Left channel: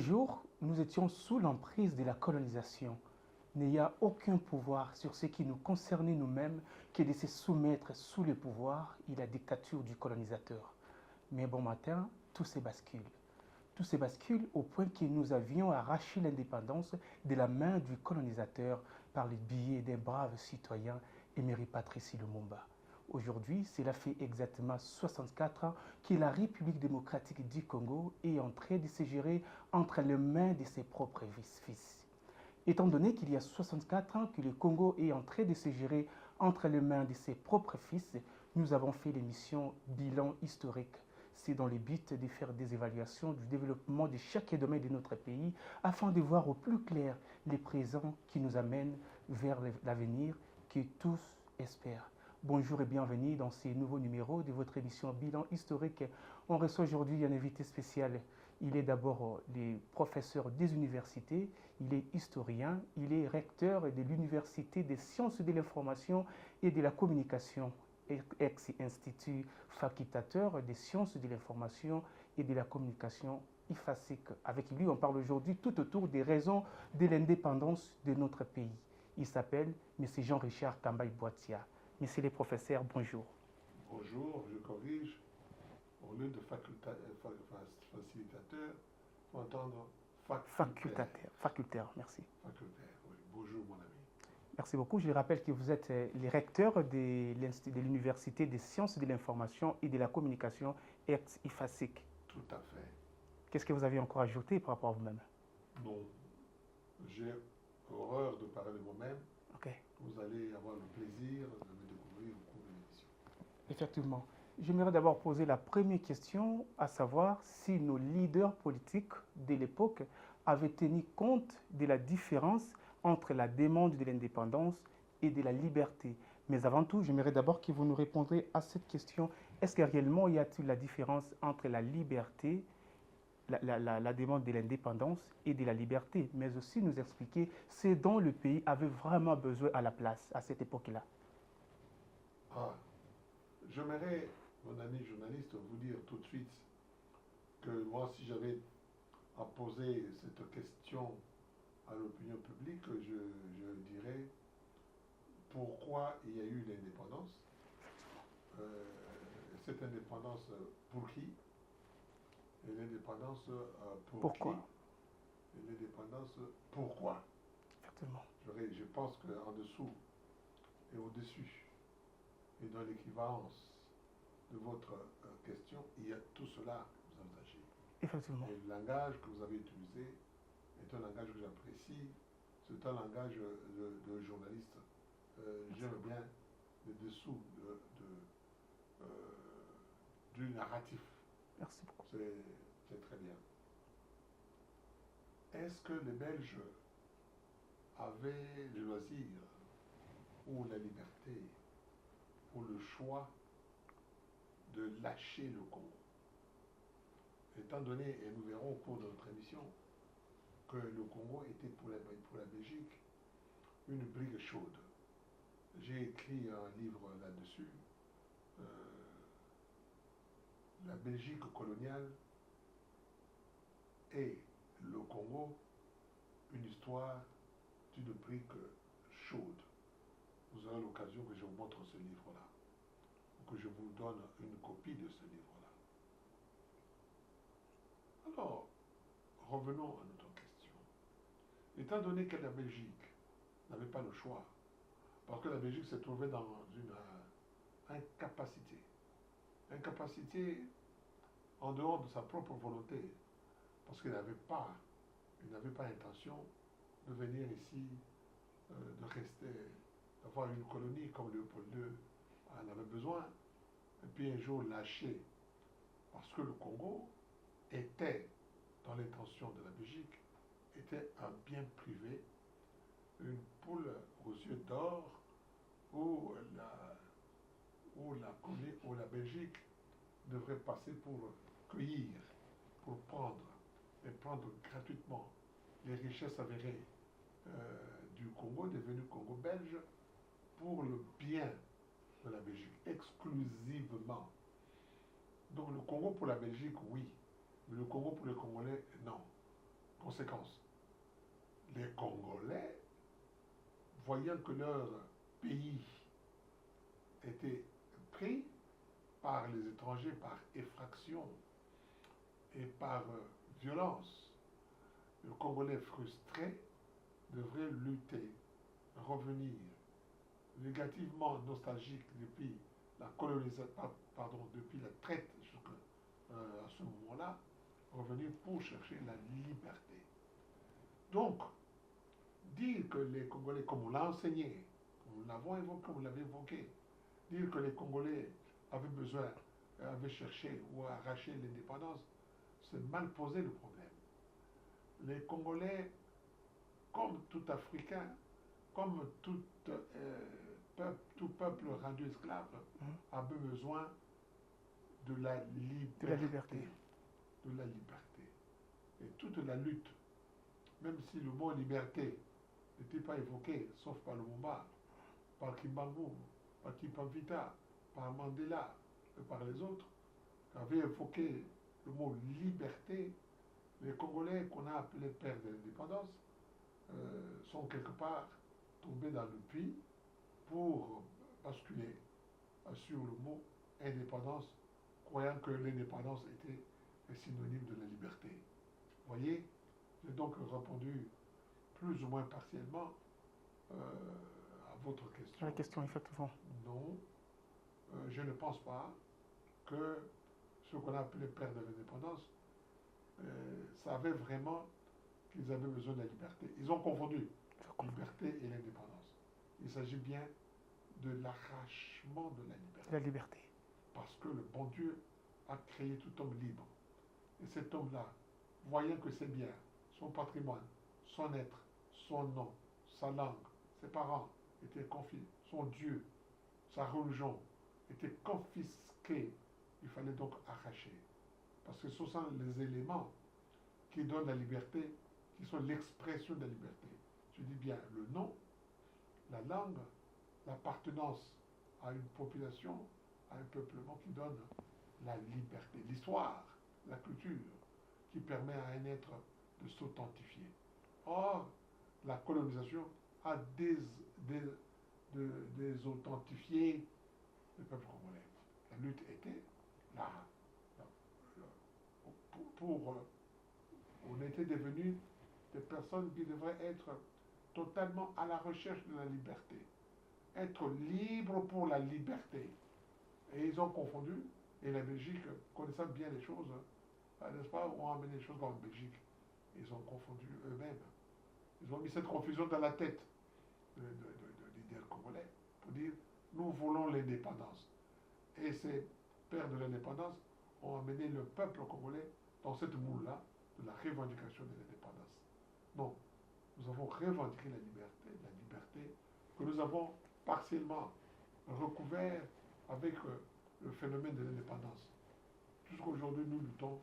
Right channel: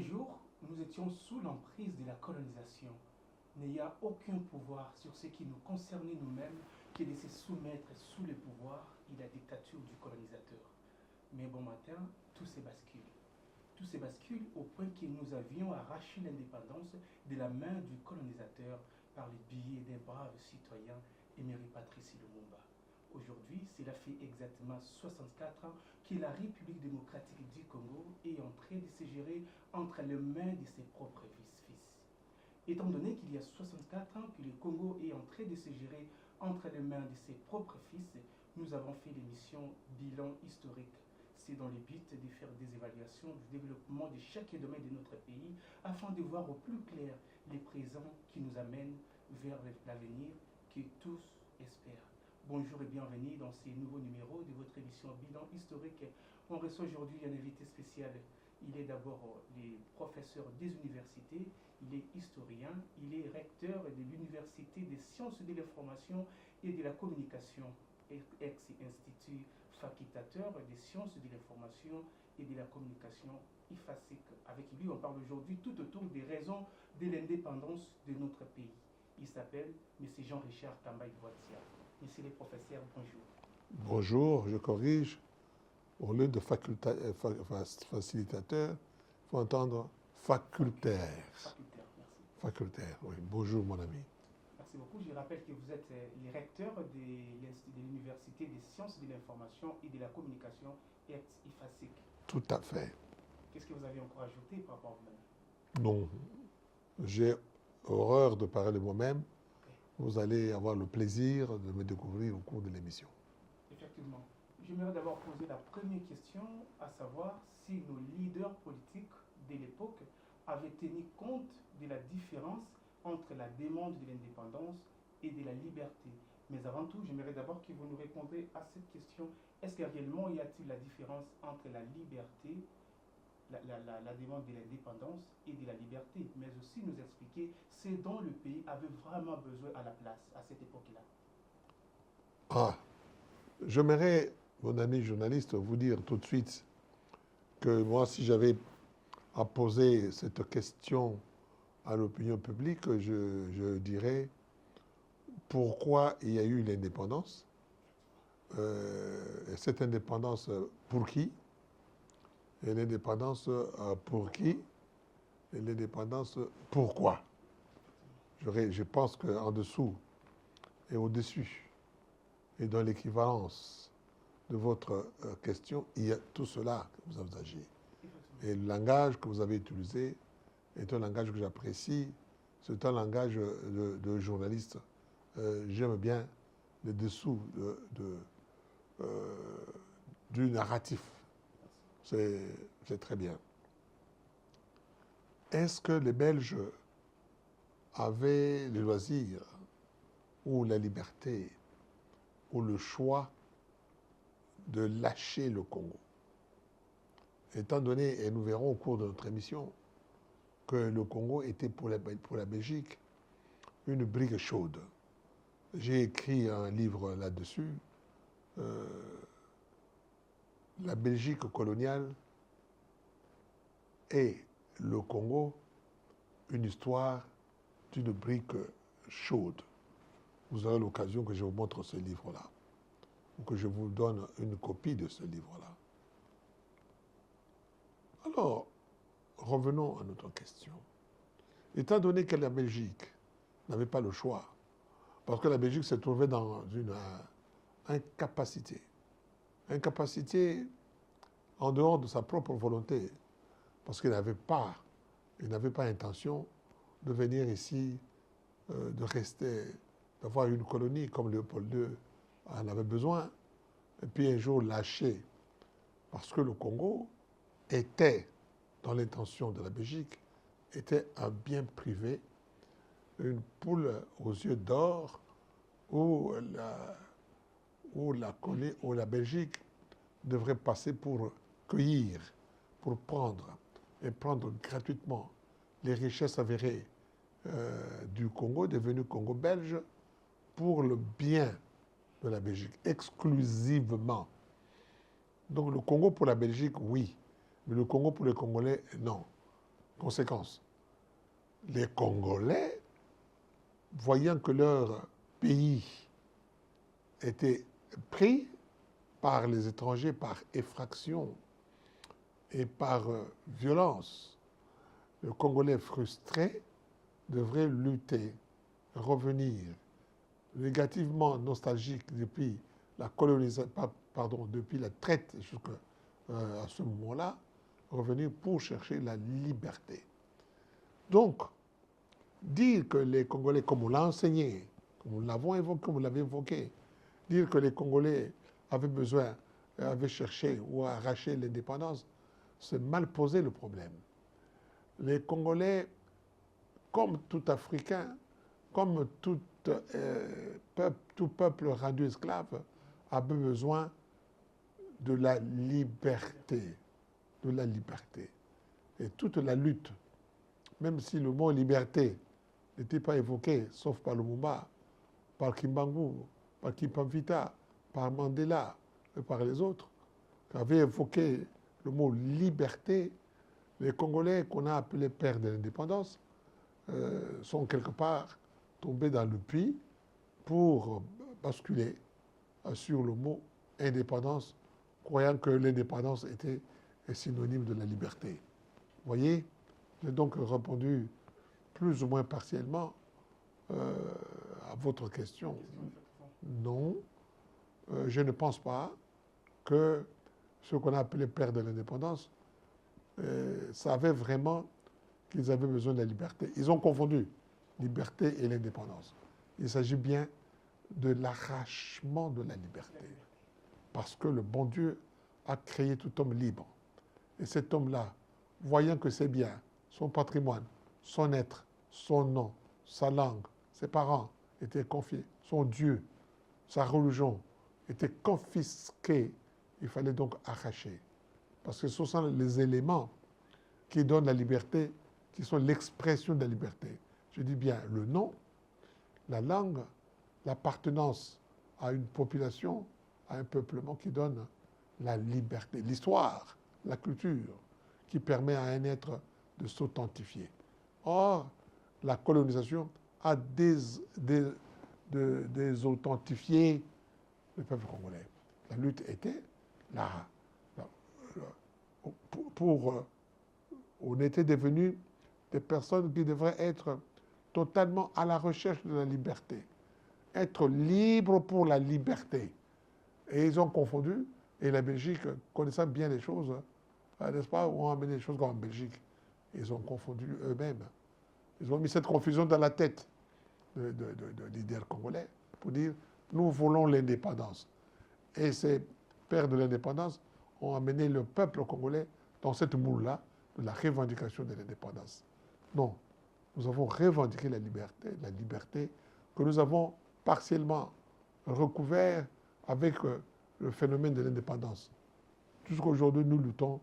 Un jour, nous étions sous l'emprise de la colonisation, n'ayant aucun pouvoir sur ce qui nous concernait nous-mêmes que de se soumettre sous le pouvoir et la dictature du colonisateur. Mais bon matin, tout se bascule. Tout se bascule au point que nous avions arraché l'indépendance de la main du colonisateur par le biais des braves citoyens Emery Patrice Lumumba. Aujourd'hui, cela fait exactement 64 ans que la République démocratique du Congo est en train de se gérer entre les mains de ses propres fils. Étant donné qu'il y a 64 ans que le Congo est en train de se gérer entre les mains de ses propres fils, nous avons fait l'émission Bilan historique. C'est dans le but de faire des évaluations du développement de chaque domaine de notre pays afin de voir au plus clair les présents qui nous amènent vers l'avenir que tous espèrent. Bonjour et bienvenue dans ce nouveau numéro de votre émission Bilan historique. On reçoit aujourd'hui un invité spécial. Il est d'abord le professeur des universités, il est historien, il est recteur de l'Université des sciences de l'information et de la communication, ex-institut facultateur des sciences de l'information et de la communication IFASIC. Avec lui, on parle aujourd'hui tout autour des raisons de l'indépendance de notre pays. Il s'appelle M. Jean-Richard Kambaï-Boitia. Monsieur le professeur, bonjour. Bonjour, je corrige. Au lieu de facilitateur, il faut entendre facultaire. Facultaire, merci. Facultaire, oui. Bonjour, mon ami. Merci beaucoup. Je rappelle que vous êtes le recteur de l'Université des sciences de l'information et de la communication ex-IFASIC. Tout à fait. Qu'est-ce que vous avez encore ajouté par rapport à vous-même? Non, j'ai horreur de parler de moi-même. Okay. Vous allez avoir le plaisir de me découvrir au cours de l'émission. Effectivement. J'aimerais d'abord poser la première question, à savoir si nos leaders politiques de l'époque avaient tenu compte de la différence entre la demande de l'indépendance et de la liberté. Mais avant tout, j'aimerais d'abord que vous nous répondrez à cette question. Est-ce que réellement y a-t-il la différence entre la liberté, la demande de l'indépendance et de la liberté, mais aussi nous expliquer ce dont le pays avait vraiment besoin à la place à cette époque-là? Ah, j'aimerais, mon ami journaliste, vous dire tout de suite que moi, si j'avais à poser cette question à l'opinion publique, je dirais pourquoi il y a eu l'indépendance. Cette indépendance, pour qui? Et l'indépendance, pour qui? Et l'indépendance, pourquoi? Je pense qu'en dessous et au-dessus, et dans l'équivalence de votre question, il y a tout cela que vous envisagez. Et le langage que vous avez utilisé est un langage que j'apprécie. C'est un langage de journaliste. J'aime bien le dessous du narratif. Merci beaucoup. C'est très bien. Est-ce que les Belges avaient le loisir ou la liberté ou le choix de lâcher le Congo? Étant donné, et nous verrons au cours de notre émission, que le Congo était pour la Belgique une brique chaude. J'ai écrit un livre là-dessus, La Belgique coloniale et le Congo, une histoire d'une brique chaude. Vous aurez l'occasion que je vous montre ce livre-là, ou que je vous donne une copie de ce livre-là. Alors, revenons à notre question. Étant donné que la Belgique n'avait pas le choix, parce que la Belgique se trouvait dans une incapacité en dehors de sa propre volonté, parce qu'il n'avait pas intention de venir ici, de rester, d'avoir une colonie comme Léopold II en avait besoin, et puis un jour lâcher, parce que le Congo était, dans l'intention de la Belgique, était un bien privé, une poule aux yeux d'or, où la Belgique devrait passer pour cueillir, pour prendre, et prendre gratuitement les richesses avérées du Congo, devenu Congo belge, pour le bien de la Belgique, exclusivement. Donc le Congo pour la Belgique, oui, mais le Congo pour les Congolais, non. Conséquence, les Congolais, voyant que leur pays était pris par les étrangers, par effraction et par violence, le Congolais frustré devrait lutter, revenir, négativement nostalgique depuis la colonisation, pardon, depuis la traite jusqu'à ce moment-là, revenir pour chercher la liberté. Donc, dire que les Congolais, comme on l'a enseigné, comme nous l'avons évoqué, comme vous l'avez évoqué, dire que les Congolais avaient besoin, avaient cherché ou arraché l'indépendance, c'est mal poser le problème. Les Congolais, comme tout Africain, comme tout peuple rendu esclave, avait besoin de la liberté. De la liberté. Et toute la lutte, même si le mot liberté n'était pas évoqué, sauf par Lumumba, par Kimbangu, par Kipamvita, par Mandela et par les autres, qui avaient évoqué le mot liberté, les Congolais qu'on a appelés pères de l'indépendance sont quelque part tombés dans le puits pour basculer sur le mot indépendance, croyant que l'indépendance était synonyme de la liberté. Vous voyez, j'ai donc répondu plus ou moins partiellement à votre question. La question, effectivement. Non, je ne pense pas que ce qu'on a appelé pères de l'indépendance savaient vraiment qu'ils avaient besoin de la liberté. Ils ont confondu liberté et l'indépendance. Il s'agit bien de l'arrachement de la liberté. La liberté. Parce que le bon Dieu a créé tout homme libre. Et cet homme-là, voyant que c'est bien, son patrimoine, son être, son nom, sa langue, ses parents étaient confiés, son Dieu, sa religion était confisquée, il fallait donc arracher. Parce que ce sont les éléments qui donnent la liberté, qui sont l'expression de la liberté. Je dis bien le nom, la langue, l'appartenance à une population, à un peuplement qui donne la liberté. L'histoire, la culture, qui permet à un être de s'authentifier. Or, la colonisation a désauthentifié le peuple congolais. La lutte était là. On était devenus des personnes qui devraient être totalement à la recherche de la liberté. Être libre pour la liberté. Et ils ont confondu, et la Belgique, connaissant bien les choses, n'est-ce pas, ont amené les choses comme en Belgique. Ils ont confondu eux-mêmes. Ils ont mis cette confusion dans la tête de leaders congolais pour dire, nous voulons l'indépendance. Et ces pères de l'indépendance ont amené le peuple congolais dans cette moule-là de la revendication de l'indépendance. Non, nous avons revendiqué la liberté que nous avons partiellement recouvert avec le phénomène de l'indépendance. Jusqu'aujourd'hui, nous luttons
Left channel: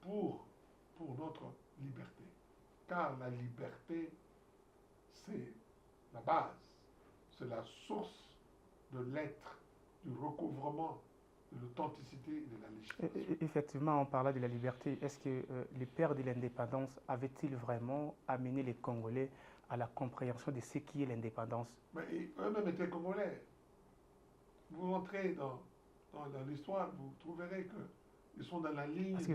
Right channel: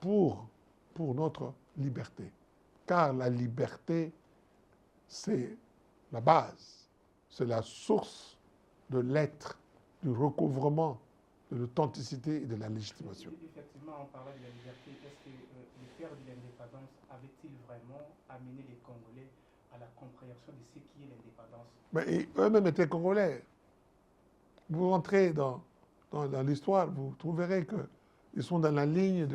pour notre liberté. Car la liberté, c'est la base, c'est la source de l'être, du recouvrement de l'authenticité et de la légitimation. Effectivement, en parlant de la liberté, est-ce que les pères de l'indépendance avaient-ils vraiment amené les Congolais à la compréhension de ce qui est l'indépendance? Mais eux-mêmes étaient Congolais. Vous rentrez dans l'histoire, vous trouverez qu'ils sont dans la ligne.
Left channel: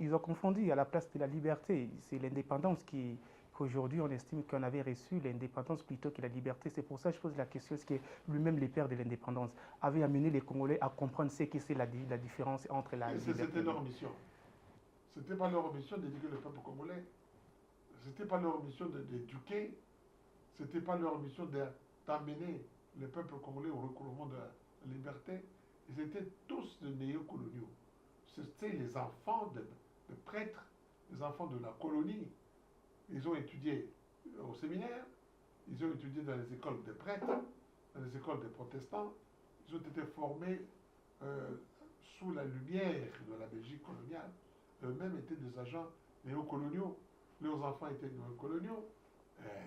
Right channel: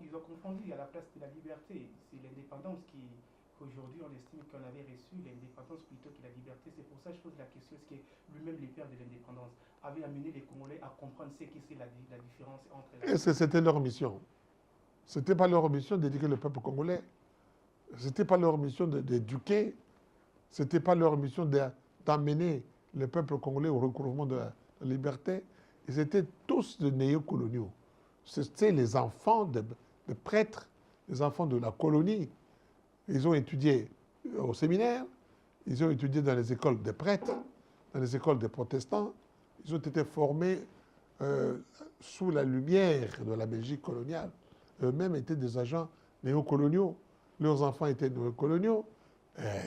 Ils ont confondu à la place de la liberté. C'est l'indépendance qu'aujourd'hui on estime qu'on avait reçu l'indépendance plutôt que la liberté. C'est pour ça que je pose la question, est-ce que lui-même les pères de l'indépendance avaient amené les Congolais à comprendre ce que c'est la différence entre la... Et c'était leur mission. Ce n'était pas leur mission d'éduquer le peuple congolais. Ce n'était pas leur mission d'éduquer. Ce n'était pas leur mission d'amener le peuple congolais au recouvrement de la liberté. Ils étaient tous de néocoloniaux. C'était les enfants de prêtres, les enfants de la colonie. Ils ont étudié au séminaire, ils ont étudié dans les écoles des prêtres, dans les écoles des protestants. Ils ont été formés sous la lumière de la Belgique coloniale. Eux-mêmes étaient des agents néocoloniaux. Leurs enfants étaient néocoloniaux.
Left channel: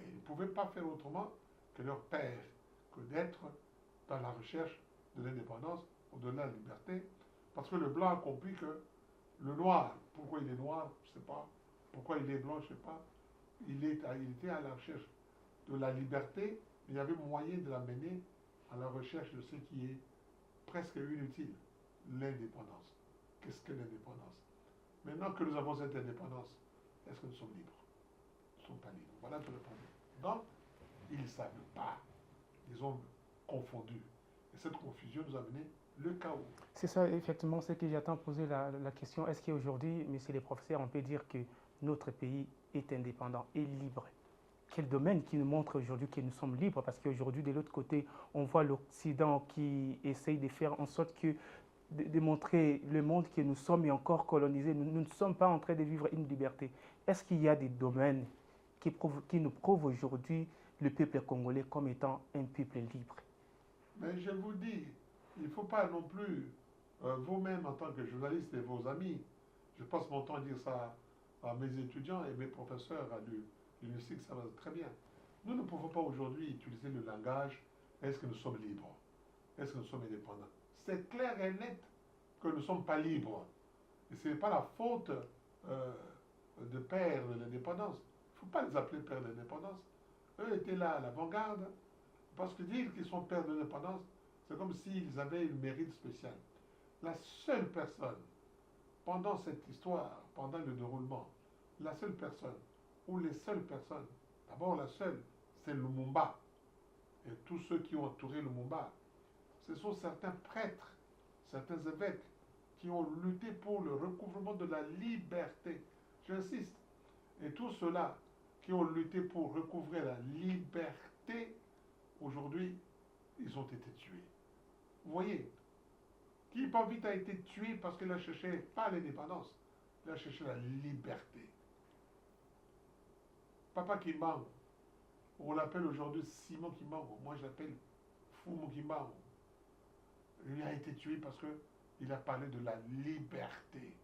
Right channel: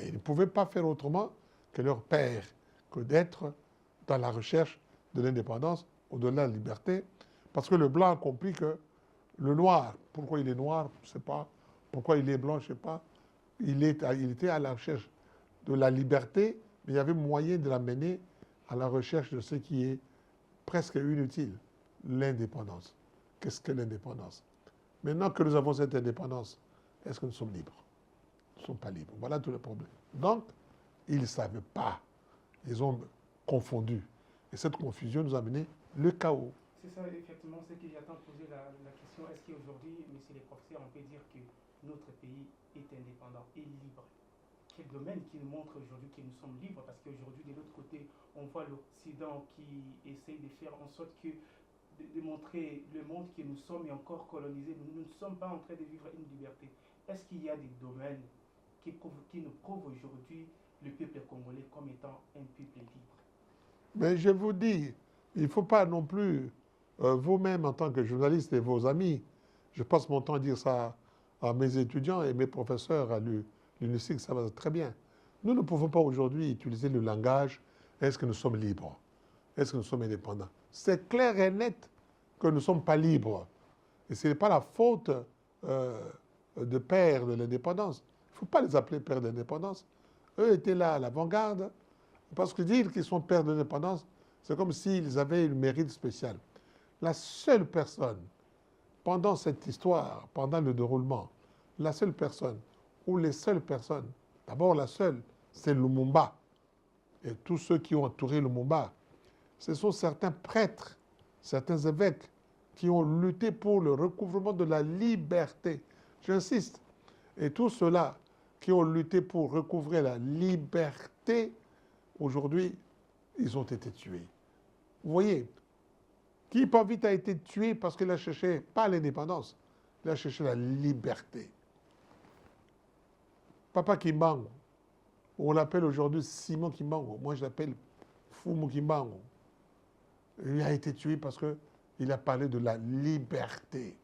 Ils ne pouvaient pas faire autrement que leur père, que d'être dans la recherche de l'indépendance, au-delà de la liberté. Parce que le blanc a compris que le noir, pourquoi il est noir, je ne sais pas, Pourquoi il est blanc, je ne sais pas. Il était à la recherche de la liberté, mais il y avait moyen de l'amener à la recherche de ce qui est presque inutile, l'indépendance. Qu'est-ce que l'indépendance? Maintenant que nous avons cette indépendance, est-ce que nous sommes libres? Nous ne sommes pas libres. Voilà tout le problème. Donc, ils ne savaient pas. Ils ont confondu. Et cette confusion nous a mené le chaos. C'est ça, effectivement, ce que j'attends poser la question. Est-ce qu'aujourd'hui, messieurs les professeurs, on peut dire que notre pays est indépendant et libre? Quel domaine qui nous montre aujourd'hui que nous sommes libres? Parce qu'aujourd'hui, de l'autre côté, on voit l'Occident qui essaye de faire en sorte que de montrer le monde que nous sommes encore colonisés. Nous ne sommes pas en train de vivre une liberté. Est-ce qu'il y a des domaines qui nous prouvent aujourd'hui le peuple congolais comme étant un peuple libre? Mais je vous dis, il ne faut pas non plus, vous-même en tant que journaliste et vos amis, je passe mon temps à dire ça à mes étudiants et mes professeurs à l'UNICIC, ça va très bien. Nous ne pouvons pas aujourd'hui utiliser le langage « est-ce que nous sommes libres? Est-ce que nous sommes indépendants ?» C'est clair et net que nous ne sommes pas libres. Et ce n'est pas la faute de pères de l'indépendance. Il ne faut pas les appeler pères de l'indépendance. Eux étaient là à l'avant-garde. Parce que dire qu'ils sont pères de l'indépendance, c'est comme s'ils avaient une mérite spéciale. La seule personne, pendant cette histoire, pendant le déroulement, la seule personne, ou les seules personnes, d'abord la seule, c'est Lumumba. Et tous ceux qui ont entouré Lumumba, ce sont certains prêtres, certains évêques qui ont lutté pour le recouvrement de la liberté. J'insiste. Et tous ceux-là qui ont lutté pour recouvrer la liberté, aujourd'hui, ils ont été tués. Vous voyez, Kipavit a été tué parce qu'il a cherché, pas l'indépendance, il a cherché la liberté. Papa Kimbangu, on l'appelle aujourd'hui Simon Kimbangu, moi je l'appelle Fumu Kimbangu. Il a été tué parce qu'il a parlé de la liberté.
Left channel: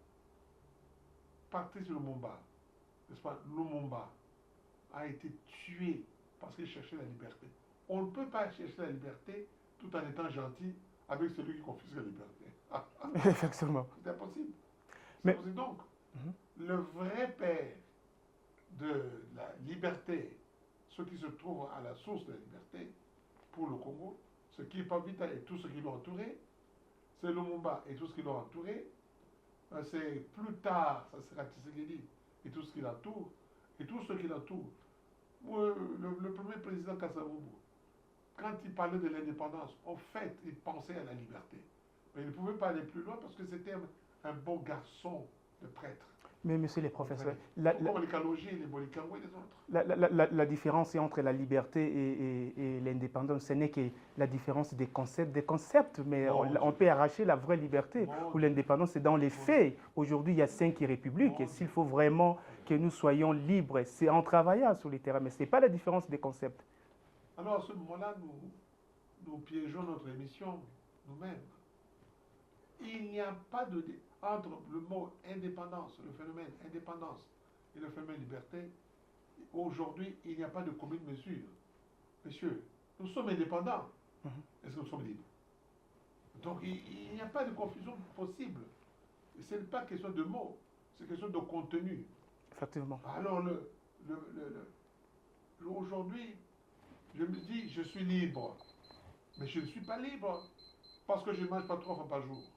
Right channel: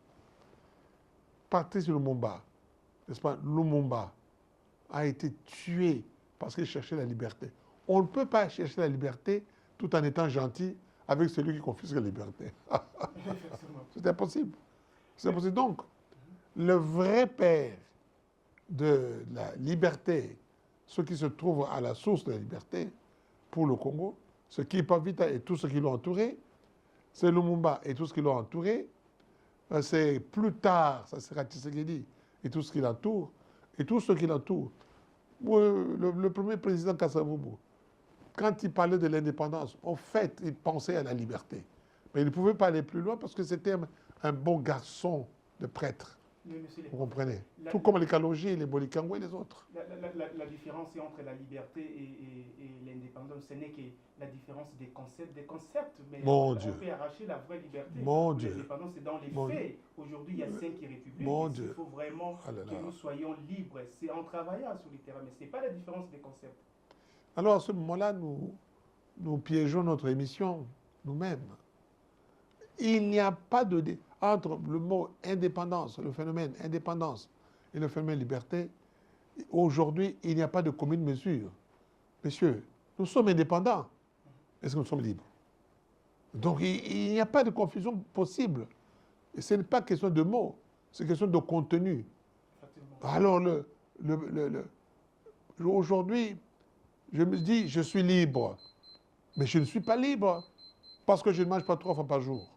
Patrice Lumumba, n'est-ce pas, Lumumba a été tué parce qu'il cherchait la liberté. On ne peut pas chercher la liberté tout en étant gentil avec celui qui confisque la liberté. Effectivement. C'est impossible. C'est impossible. Donc, le vrai père de la liberté, ce qui se trouve à la source de la liberté pour le Congo, ce qui est Pavita et tout ce qui l'ont entouré, c'est Lumumba et tout ce qui l'ont entouré, c'est plus tard, ça sera Tshisekedi et tout ce qui l'entoure, et tout ce qui l'entoure. Le premier président Kasavubu, quand il parlait de l'indépendance, en fait, il pensait à la liberté. Mais il ne pouvait pas aller plus loin parce que c'était un bon garçon de prêtre. Mais monsieur les professeurs, tout comme les Kalonji, les Bolikango et les autres. La différence entre la liberté et l'indépendance, ce n'est que la différence des concepts, mais on peut arracher la vraie liberté. Ou l'indépendance, c'est dans les faits. Aujourd'hui, il y a 5 républiques. S'il faut vraiment que nous soyons libres, c'est en travaillant sur les terrains, mais ce n'est pas la différence des concepts. Alors à ce moment-là, nous piégeons notre émission nous-mêmes. Il n'y a pas de... Entre le mot indépendance, le phénomène indépendance et le phénomène liberté, aujourd'hui, il n'y a pas de commune mesure. Messieurs, nous sommes indépendants. Est-ce que nous sommes libres? Donc, il n'y a pas de confusion possible. Et ce n'est pas question de mots, c'est question de contenu. Effectivement. Alors, aujourd'hui, je me dis, je suis libre. Mais je ne suis pas libre parce que je ne mange pas 3 fois par jour.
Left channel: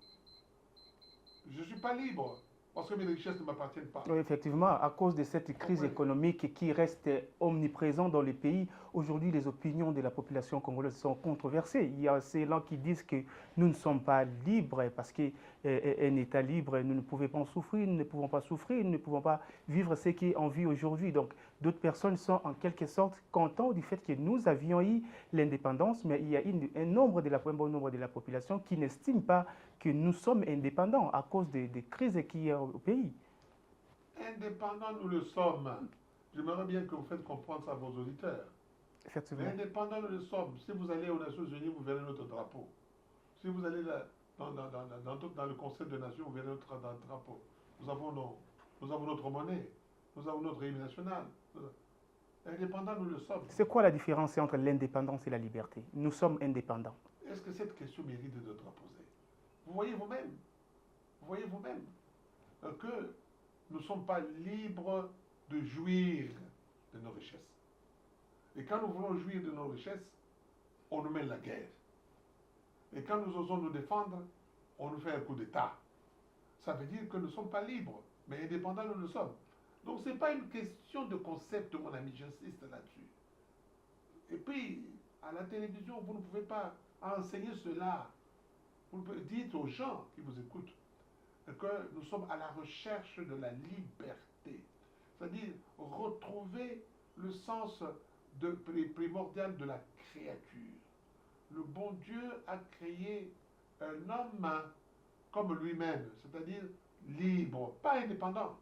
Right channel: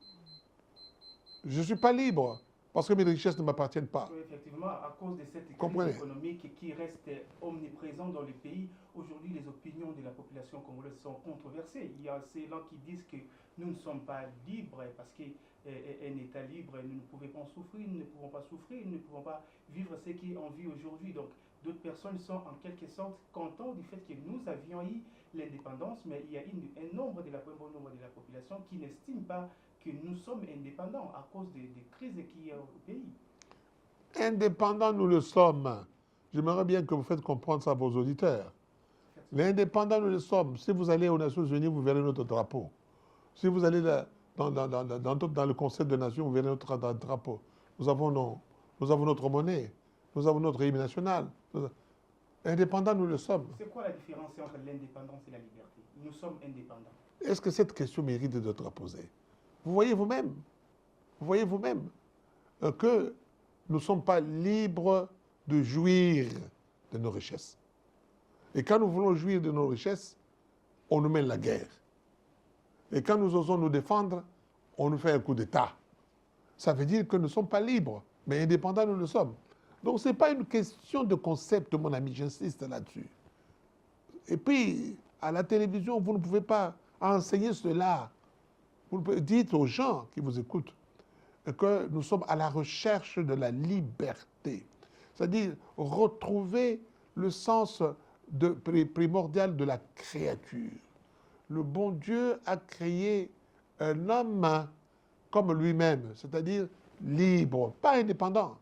Je ne suis pas libre parce que mes richesses ne m'appartiennent pas. Oui, effectivement, à cause de cette crise économique qui reste omniprésente dans le pays, aujourd'hui, les opinions de la population congolaise sont controversées. Il y a ceux-là qui disent que nous ne sommes pas libres parce qu'un État libre, nous ne pouvons pas souffrir, nous ne pouvons pas souffrir, nous ne pouvons pas vivre ce qu'on vit aujourd'hui. Donc, d'autres personnes sont en quelque sorte contentes du fait que nous avions eu l'indépendance, mais il y a un bon nombre de la population qui n'estime pas que nous sommes indépendants à cause des crises qu'il y a au pays. Indépendants, nous le sommes. J'aimerais bien que vous faites comprendre ça à vos auditeurs. Mais indépendants, nous le sommes. Si vous allez aux Nations Unies, vous verrez notre drapeau. Si vous allez dans le Conseil des Nations, vous verrez notre drapeau. Nous avons notre monnaie. Nous avons notre hymne national. Indépendants, nous le sommes. C'est quoi la différence entre l'indépendance et la liberté? Nous sommes indépendants. Est-ce que cette question mérite d'être posée? Vous voyez vous-même que nous ne sommes pas libres de jouir de nos richesses. Et quand nous voulons jouir de nos richesses, on nous mène la guerre. Et quand nous osons nous défendre, on nous fait un coup d'État. Ça veut dire que nous ne sommes pas libres, mais indépendants nous le sommes. Donc ce n'est pas une question de concept, mon ami, j'insiste là-dessus. Et puis, à la télévision, vous ne pouvez pas enseigner cela. Vous dites aux gens qui vous écoutent que nous sommes à la recherche de la liberté. C'est-à-dire retrouver le sens primordial de la créature. Le bon Dieu a créé un homme comme lui-même, c'est-à-dire libre, pas indépendant.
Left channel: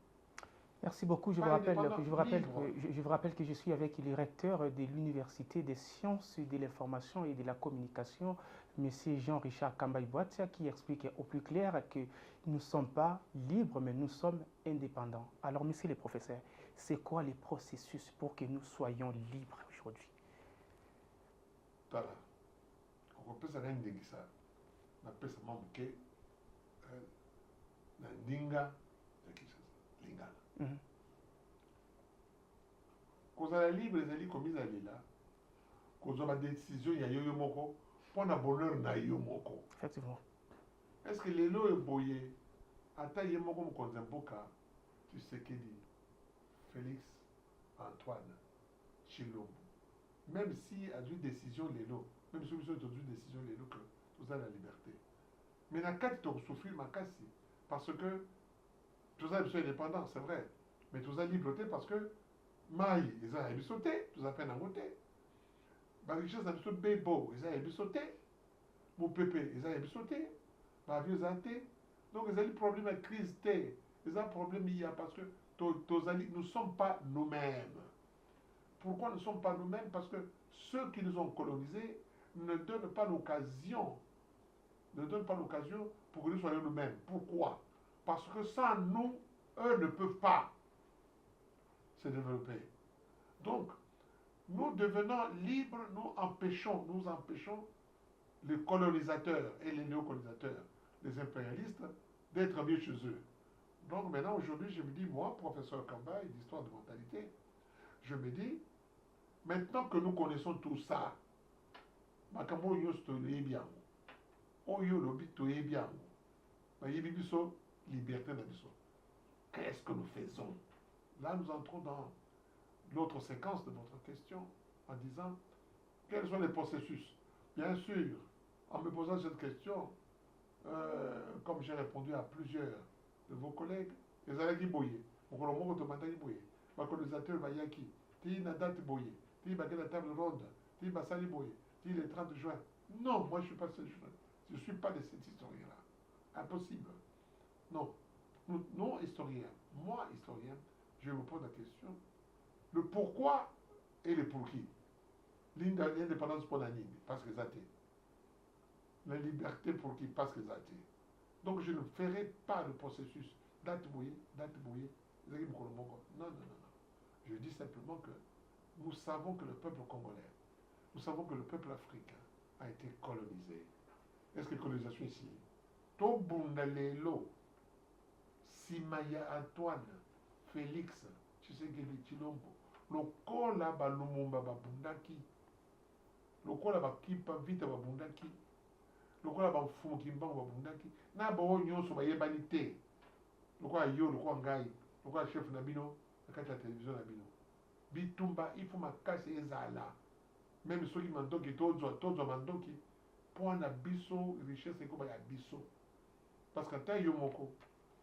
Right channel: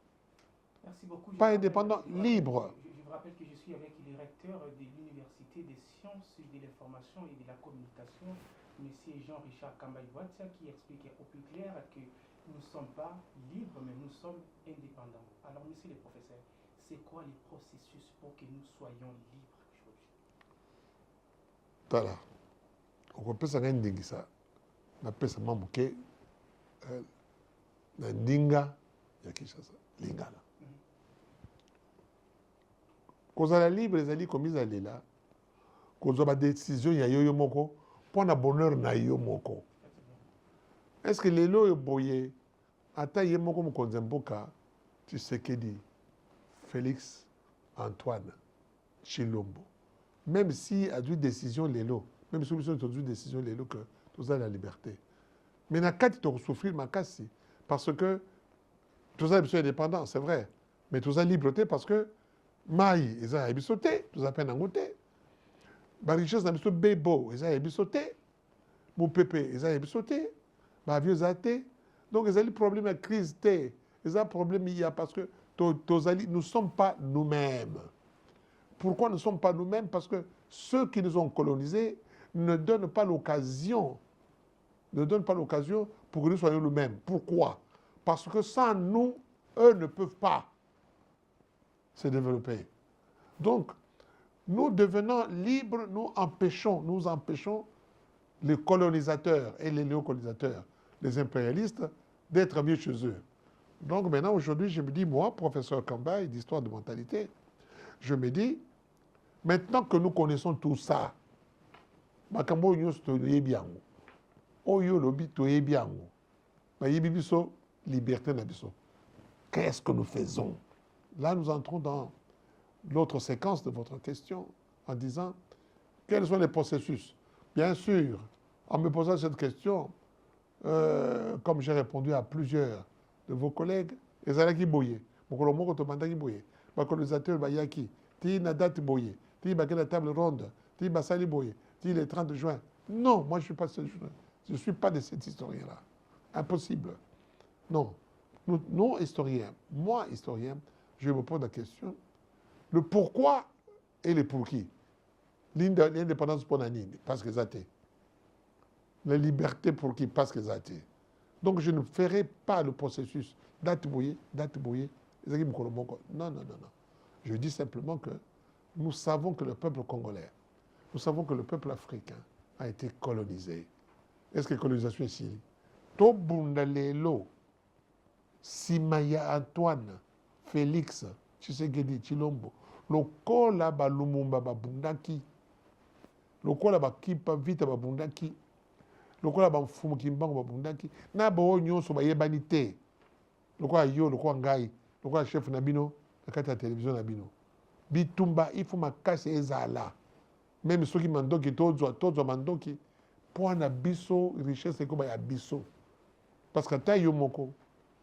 Merci beaucoup. Pas indépendant, libre. Je vous rappelle que je suis avec le recteur de l'Université des sciences de l'information et de la communication, M. Jean-Richard Kambaï-Boatia, qui explique au plus clair que nous ne sommes pas libres, mais nous sommes indépendants. Alors, monsieur le professeur, c'est quoi les processus pour que nous soyons libres aujourd'hui? Voilà. On peut s'en rendre ça. On appelle ça Mambuke, Ndinga, Yakishasa, Lingala. Kozala libre, les alliés comme ils allaient là, kozala décision, il y a yo moko, pour le bonheur na yo moko. Effectivement. Est-ce que les lois boyé, ata yo moko mkonzemboka, tu sais que dit Félix Antoine Chilombo. Même si a dû décision les lois, même si a dû décision les lois que tout ça la liberté. Mais na quand tu souffrir ma casse, parce que tout ça est indépendant, c'est vrai. Mais tout ça liberté parce que Maï, ils ont sauté, tout ça peine en côté. La richesse n'a pas bébo, ils ont sauté. Mon pépé, ils ont sauté. Ma vieux athée. Donc, ils ont le problème de crise. Ils ont un problème, il y a parce que nous ne sommes pas nous-mêmes. Pourquoi nous ne sommes pas nous-mêmes? Parce que ceux qui nous ont colonisés ne donnent pas l'occasion. Ne donnent pas l'occasion pour que nous soyons nous-mêmes. Pourquoi? Parce que sans nous, eux ne peuvent pas se développer. Donc, nous devenant libres, nous empêchons les colonisateurs et les néocolonisateurs, les impérialistes, d'être mieux chez eux. Donc maintenant, aujourd'hui, je me dis, moi, professeur Kambaï, d'histoire de mentalité, je me dis, maintenant que nous connaissons tout ça, makambo yo stoye biango, oyo lobi toye biango, ba yebi biso liberté na biso. Qu'est-ce que nous faisons? Là, nous entrons dans l'autre séquence de votre question en disant quels sont les processus. Bien sûr, en me posant cette question, comme j'ai répondu à plusieurs de vos collègues, les Alaki Boye, mon colombo Tomandaki Boye, ma colonisateur Bayaki, Ti Nadat Boye, Ti Bakela Table Ronde, Ti Basali Boye, Ti le 30 juin. Non, moi je ne suis pas ce je ne suis pas de cet historien-là. Impossible. Non. Nous, historiens, moi, historien, je me pose la question, le pourquoi et le pour qui. L'indépendance pour Nani, parce que ça été. La liberté pour qui, parce que ça été. Donc je ne ferai pas le processus date bouillée. Non, non, non, non. Je dis simplement que nous savons que le peuple congolais, nous savons que le peuple africain a été colonisé. Est-ce que la colonisation est ici? Tobundalelo, Simaya Antoine, Félix, Tshisekedi, Chilombo, lokola ba Lumumba babundaki, lokola ba Kipa Vita babundaki, lokola ba Mfumu Kimbangu babundaki, na ba nyonso ba yebani te. Lokola yo, lokola ngai, lokola chef na bino, na kati ya télévision na bino. Bitumba ifu makasi ezala. Même ceux qui mandoki tozwa mandoki, pour na biso richesse ko ba ya biso. Parce que ta yo moko,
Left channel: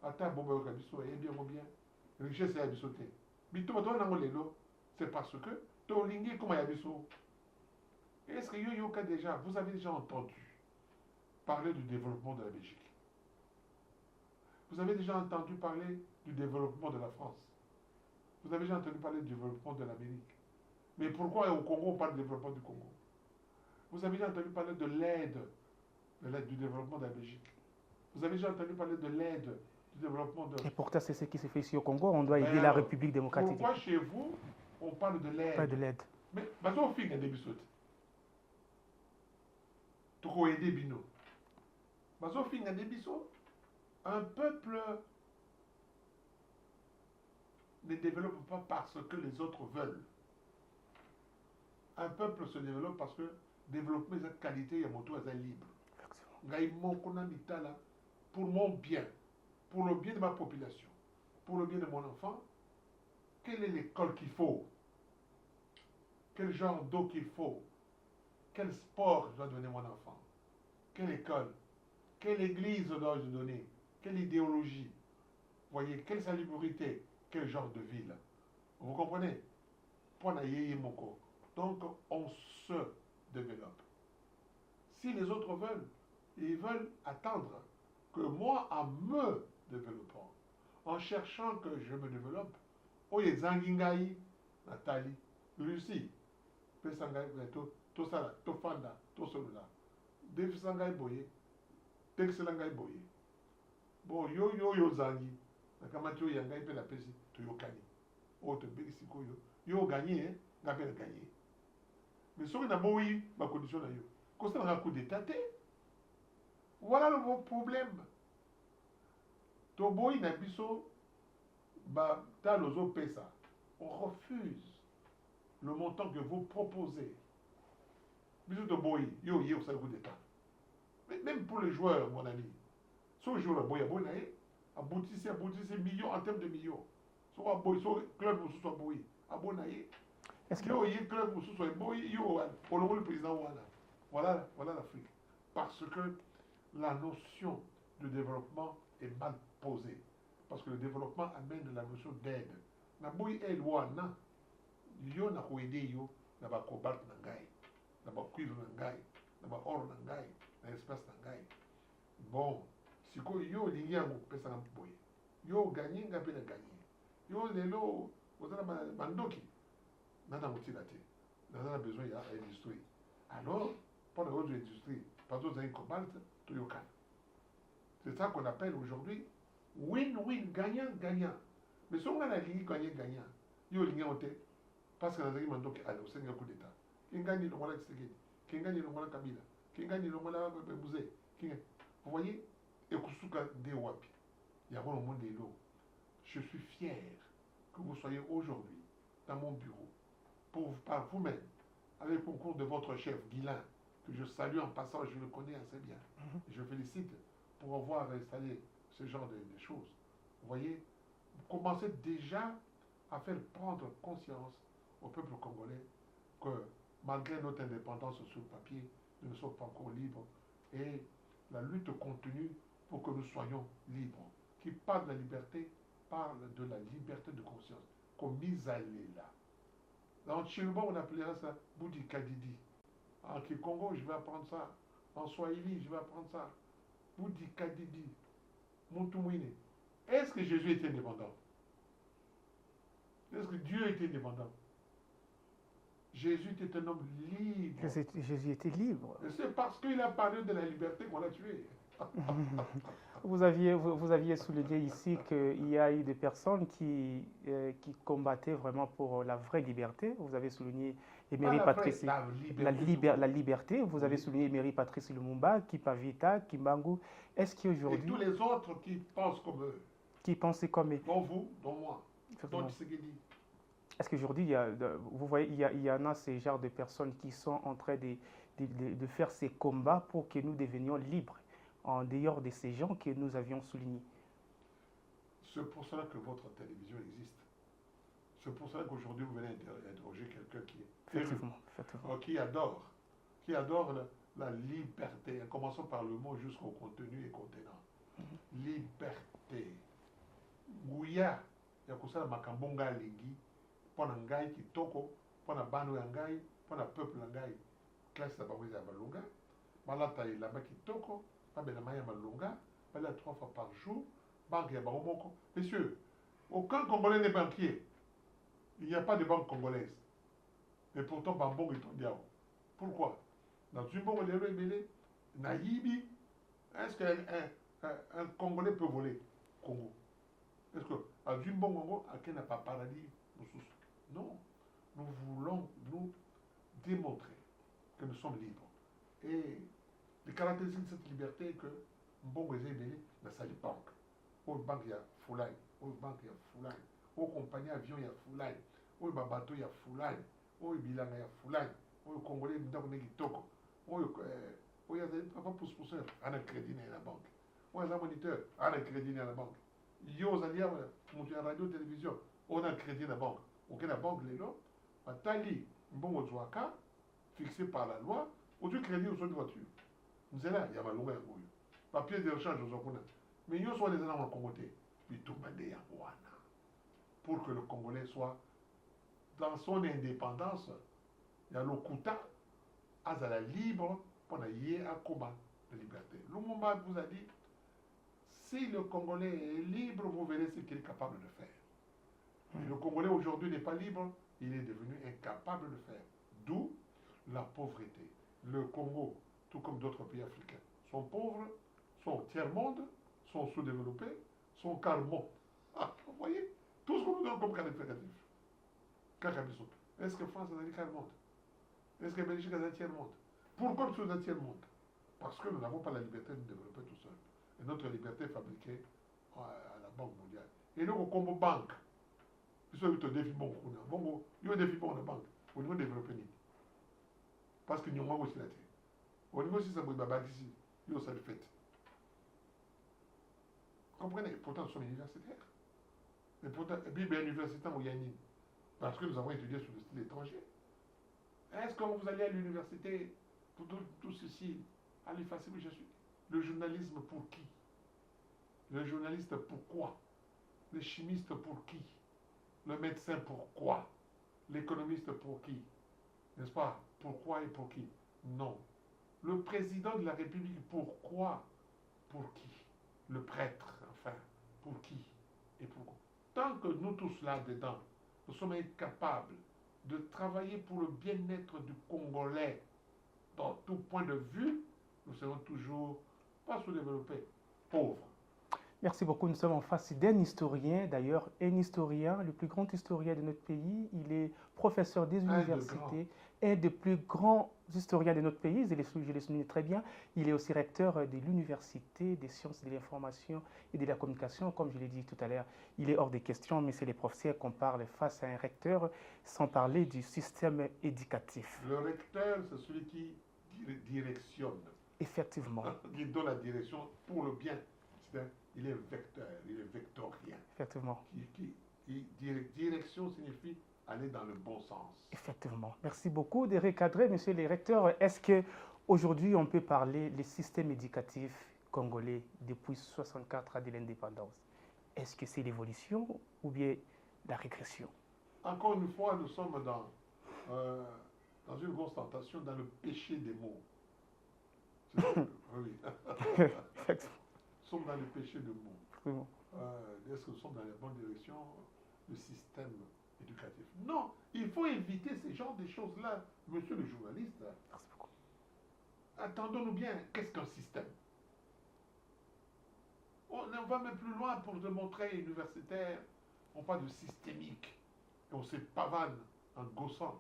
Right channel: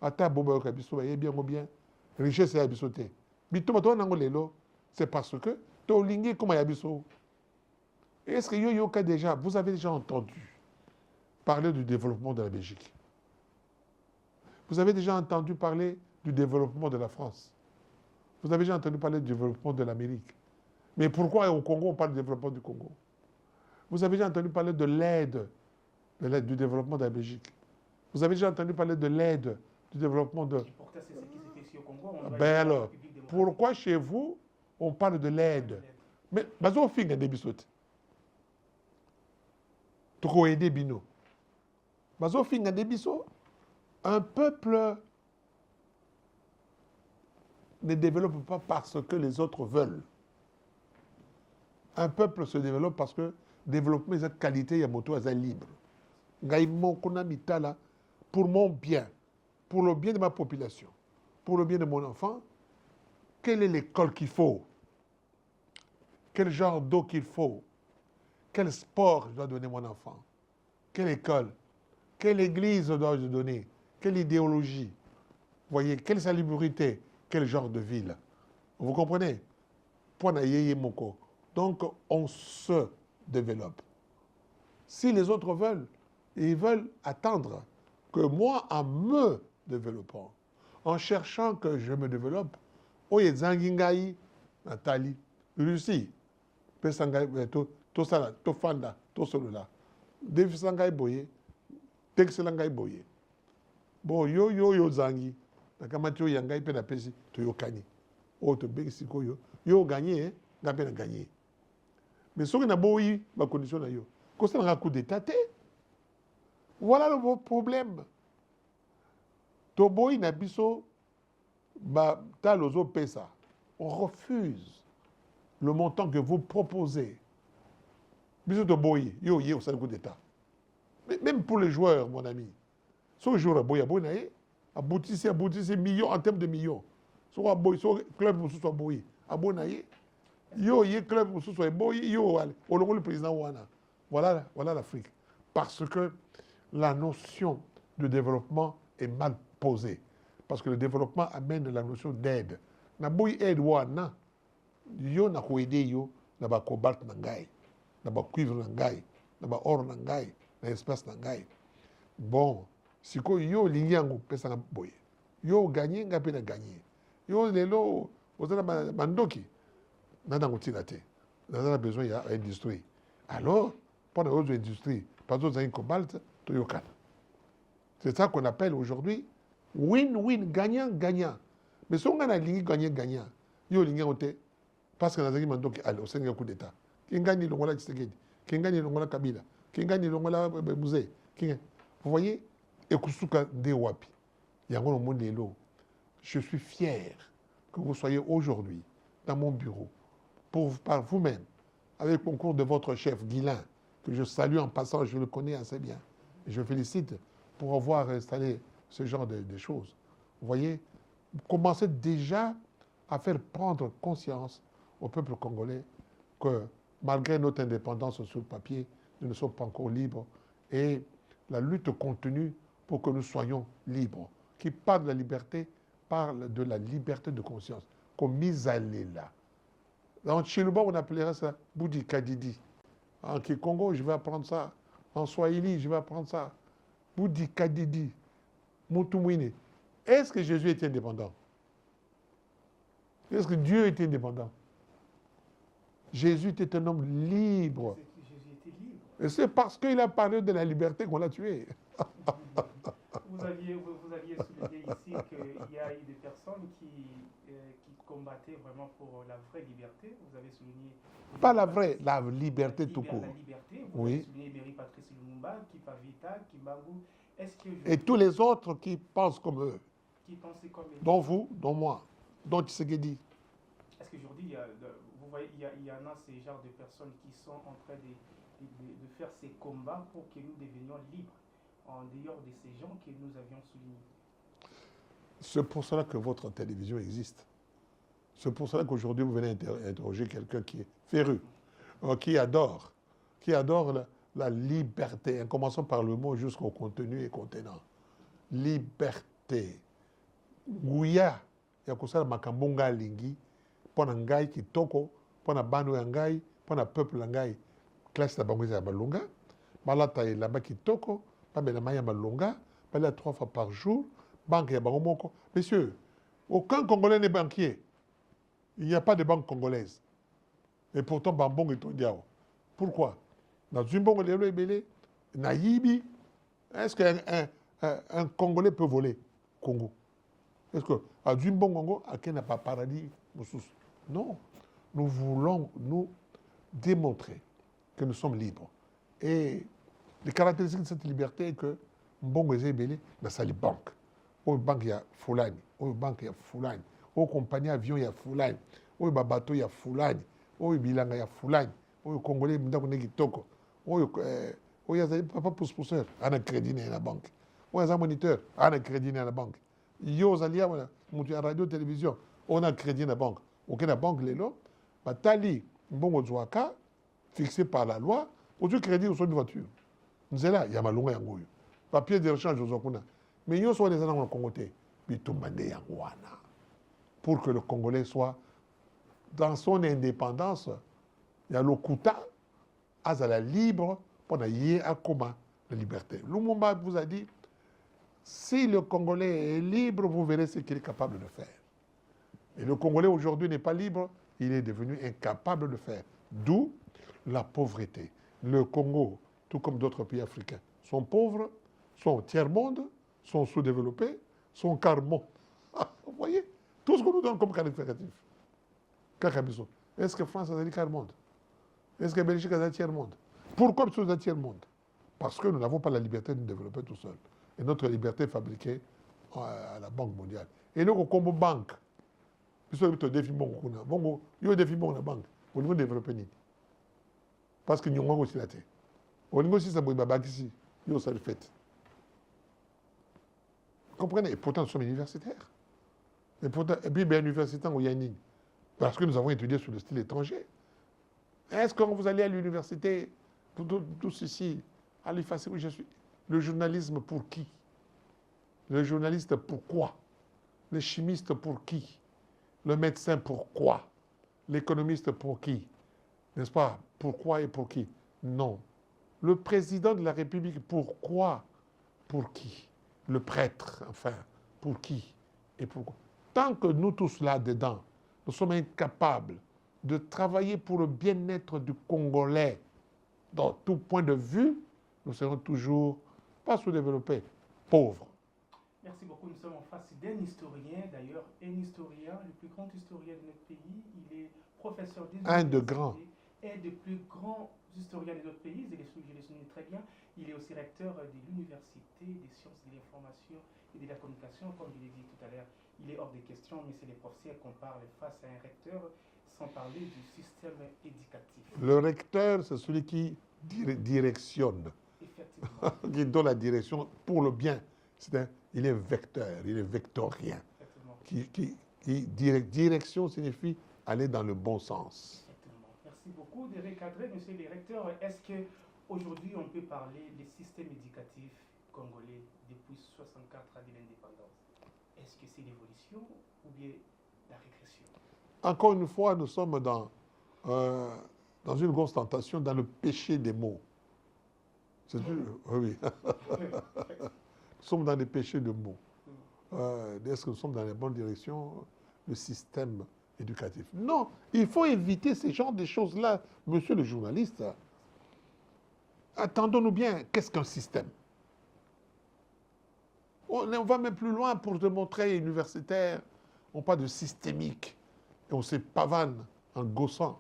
ata boba yo ka biso ba yebi yango bien, richesse ya biso te. Bitumba to nango lelo, c'est parce que to lingi comme ya biso. Est-ce que yo déjà, vous avez déjà entendu parler du développement de la Belgique? Vous avez déjà entendu parler du développement de la France? Vous avez déjà entendu parler du développement de l'Amérique? Mais pourquoi au Congo on parle du développement du Congo? Vous avez déjà entendu parler de l'aide du développement de la Belgique? Vous avez déjà entendu parler de l'aide du développement de... Et pourtant, c'est ce qui se fait ici au Congo. On doit aider la République démocratique. Pourquoi chez vous, on parle de l'aide? Pas de l'aide. Mais, bazo finga de bisote. Toko aider bino. Bazo finga de biso. Un peuple ne développe pas parce que les autres veulent. Un peuple se développe parce que développer cette qualité, il y a moto à libre. Pour mon bien, pour le bien de ma population, pour le bien de mon enfant, quelle est l'école qu'il faut? Quel genre d'eau qu'il faut? Quel sport je dois donner à mon enfant? Quelle école? Quelle église dois-je donner? Quelle idéologie? Vous voyez, quelle salubrité? Quel genre de ville? Vous comprenez? Donc, on se développe. Si les autres veulent, ils veulent attendre que moi, en me développant, en cherchant que je me développe, oye zangingai, Nathalie, Russie, to sala, to fanda, to solola, defisangai boye, texelangai boye. Bon, yo zangi, nakamati yo yangai pe na pesi, to yo kani. O to begi siko yo gagné, ngape na gagné. Mais ce qui a boyi, ma condition na yo. Quand ça n'a coup d'état, voilà le problème. To boyi na biso, ba ta lozo pesa. On refuse le montant que vous proposez. Biso to boyi, yo ça le coup d'état. Même pour les joueurs, mon ami. Ce joueur a boyi, aboutissez millions en termes de millions. Soit boyi, soit club ou soit boyi, abonaye. Yo club ou soit boyi, yo le président wana. Voilà l'Afrique. Parce que la notion de développement est mal posée. Parce que le développement amène la notion d'aide. Na boy aide wana, yo na ko aider yo, na ba cobalt na ngai, na ba cuivre na ngai, na ba or na ngai, na espace na ngai. Bon, siko yo linyango pesa na boy. Yo gagner ngapi na gagner. Yo lelo ozana mandoki. Nana ngotila te. Nana besoin ya industrie. Alors, pendant les autres industries, par exemple, un cobalt, Toyokan. C'est ça qu'on appelle aujourd'hui win-win, gagnant-gagnant. Mais si on a la ligne gagnant-gagnant, il y a une ligne parce que dans un moment, au Sénégal, coup d'État. Qui gagne le Ngola Tshisekedi, qui gagne le Ngola Kabila, qui gagne le Ngola Musée. Vous voyez, et Kusuka Dewapi, il y a un monde de l'eau. Je suis fier que vous soyez aujourd'hui dans mon bureau, par vous-même, avec le concours de votre chef, Guilain, que je salue en passant, je le connais assez bien. Et je félicite pour avoir installé ce genre de choses. Vous voyez, vous commencez déjà à faire prendre conscience au peuple congolais que malgré notre indépendance sur le papier, nous ne sommes pas encore libres. Et la lutte continue pour que nous soyons libres. Qui parle de la liberté, parle de la liberté de conscience. Comme mise à là. En Chiluba, on appellerait ça Boudi Kadidi. En Kikongo, je vais apprendre ça. En Swahili, je vais apprendre ça. Boudi Kadidi. Mutumwine. Est-ce que Jésus était indépendant? Est-ce que Dieu était indépendant? Jésus était un homme libre. Jésus était libre. Et c'est parce qu'il a parlé de la liberté qu'on l'a tué. Vous aviez souligné ici qu'il y a eu des personnes qui combattaient vraiment pour la vraie liberté. Vous avez souligné... Pas la vraie, la liberté tout court. La liberté. Vous avez souligné Emery Patrice Lumumba, Kipavita, Kimbangu. Est-ce qu'aujourd'hui... Et tous les autres qui pensent comme eux. Qui pensaient comme eux. Dont vous, dont moi, dont Tshisekedi. Est-ce qu'aujourd'hui, vous voyez, il y en a ces genres de personnes qui sont en train de faire ces combats pour que nous devenions libres, en dehors de ces gens que nous avions soulignés? C'est pour cela que votre télévision existe. C'est pour cela qu'aujourd'hui, vous venez interroger quelqu'un qui est féru, qui adore la liberté, en commençant par le mot jusqu'au contenu et contenant. Liberté. Gouya, il y a comme ça, makambonga lingi, pour un gars qui toko, pour un bando ngai, pour un peuple ngai, classe la banque à balonga, malata est là-bas qui toko, pas bien la maya balonga, pas là 3 fois par jour, banque à banque. Messieurs, aucun Congolais n'est banquier. Il n'y a pas de banque congolaise. Et pourtant, Bambong est au diao. Pourquoi? Dans une banque de l'Ebélé, Naïbi, est-ce qu'un Congolais peut voler Congo? Est-ce que à Djimbo Congo, à qui n'a pas paradis? Non. Nous voulons nous démontrer que nous sommes libres. Et les caractéristiques de cette liberté est que Mbongo Ezebele n'a pas de banque. Au banque, il y a Foulani. Au banque, il y a Foulani. oyo compagnie avion ya fulani, oyo babateau ya fulani, oyo bilanga ya fulani, oyo congolais ndako nde kitoko, oyo azali papa pousse-pousseur ana crédit na ye na banque, oyo aza moniteur ana crédit na ye na banque, yo ozali awa moto ya radio télévision ona crédit na banque, oke na banque lelo batali mbongo zwaka fixé par la loi, ozwi crédit ozwa une voiture nzela ya malonga yango oyo papier de rechange ozwa kuna, mais nyonso wana eza nango na Congo te, bitumba nde yango wana pour que le Congolais soit dans son indépendance, il y a lokuta azala libre pour y akoma la liberté. Lumumba vous a dit, si le Congolais est libre, vous verrez ce qu'il est capable de faire. Et le Congolais aujourd'hui n'est pas libre, il est devenu incapable de faire. D'où la pauvreté. Le Congo, tout comme d'autres pays africains, sont pauvres, sont tiers-monde, sont sous-développés, sont quart-monde. Vous voyez? Tout ce qu'on nous donne comme qualificatif. Est-ce que France a dit quart-monde? Est-ce que Belgique a dit tiers-monde? Pourquoi nous un tiers-monde? Parce que nous n'avons pas la liberté de nous développer tout seul. Et notre liberté est fabriquée à la Banque mondiale. Et nous, comme banque, nous sommes au défi bon. Bon, il y a un défi bon dans la banque. Au niveau développer. Parce que nous avons aussi la terre. Au niveau aussi, ça va être ici. Nous avons ça le fait. Vous comprenez? Et pourtant, nous sommes universitaires. Et puis, bien universitaire au Yanning. Parce que nous avons étudié sur le style étranger. Est-ce que quand vous allez à l'université, tout ceci, à l'effacer où je suis? Le journalisme pour qui? Le journaliste pourquoi? Le chimiste pour qui? Le médecin pourquoi? L'économiste pour qui? N'est-ce pas? Pourquoi et pour qui? Non. Le président de la République pourquoi? Pour qui? Le prêtre, enfin, pour qui et pourquoi? Tant que nous tous là-dedans, nous sommes incapables de travailler pour le bien-être du Congolais dans tout point de vue, nous serons toujours pas sous-développés, pauvres. Merci beaucoup. Nous sommes en face d'un historien, d'ailleurs, un historien, le plus grand historien de notre pays. Il est professeur des universités. Un des plus grands historiens de notre pays, je le souligne très bien. Il est aussi recteur de l'Université des sciences de l'information et de la communication, comme je l'ai dit tout à l'heure. Il est hors des questions, mais c'est les professeurs qu'on parle face à un recteur, sans parler du système éducatif. Le recteur, c'est celui qui directionne. Effectivement. Qui donne la direction pour le bien. Il est vecteur, il est vectorien. Effectivement. Direction signifie aller dans le bon sens. Effectivement. Merci beaucoup de recadrer, monsieur le recteur. Est-ce qu'aujourd'hui, on peut parler du système éducatif congolais depuis 1964 à de l'indépendance? Est-ce que c'est l'évolution ou bien la régression? Encore une fois, nous sommes dans une grosse tentation, dans le péché des mots. C'est sûr? Oui. Nous sommes dans les péchés de mots. Est-ce que nous sommes dans la bonne direction? Le système éducatif. Non, il faut éviter ce genre de choses-là, monsieur le journaliste. Attendons-nous bien, qu'est-ce qu'un système? On va même plus loin pour démontrer universitaire. On parle de systémique. Et on se pavane en gossant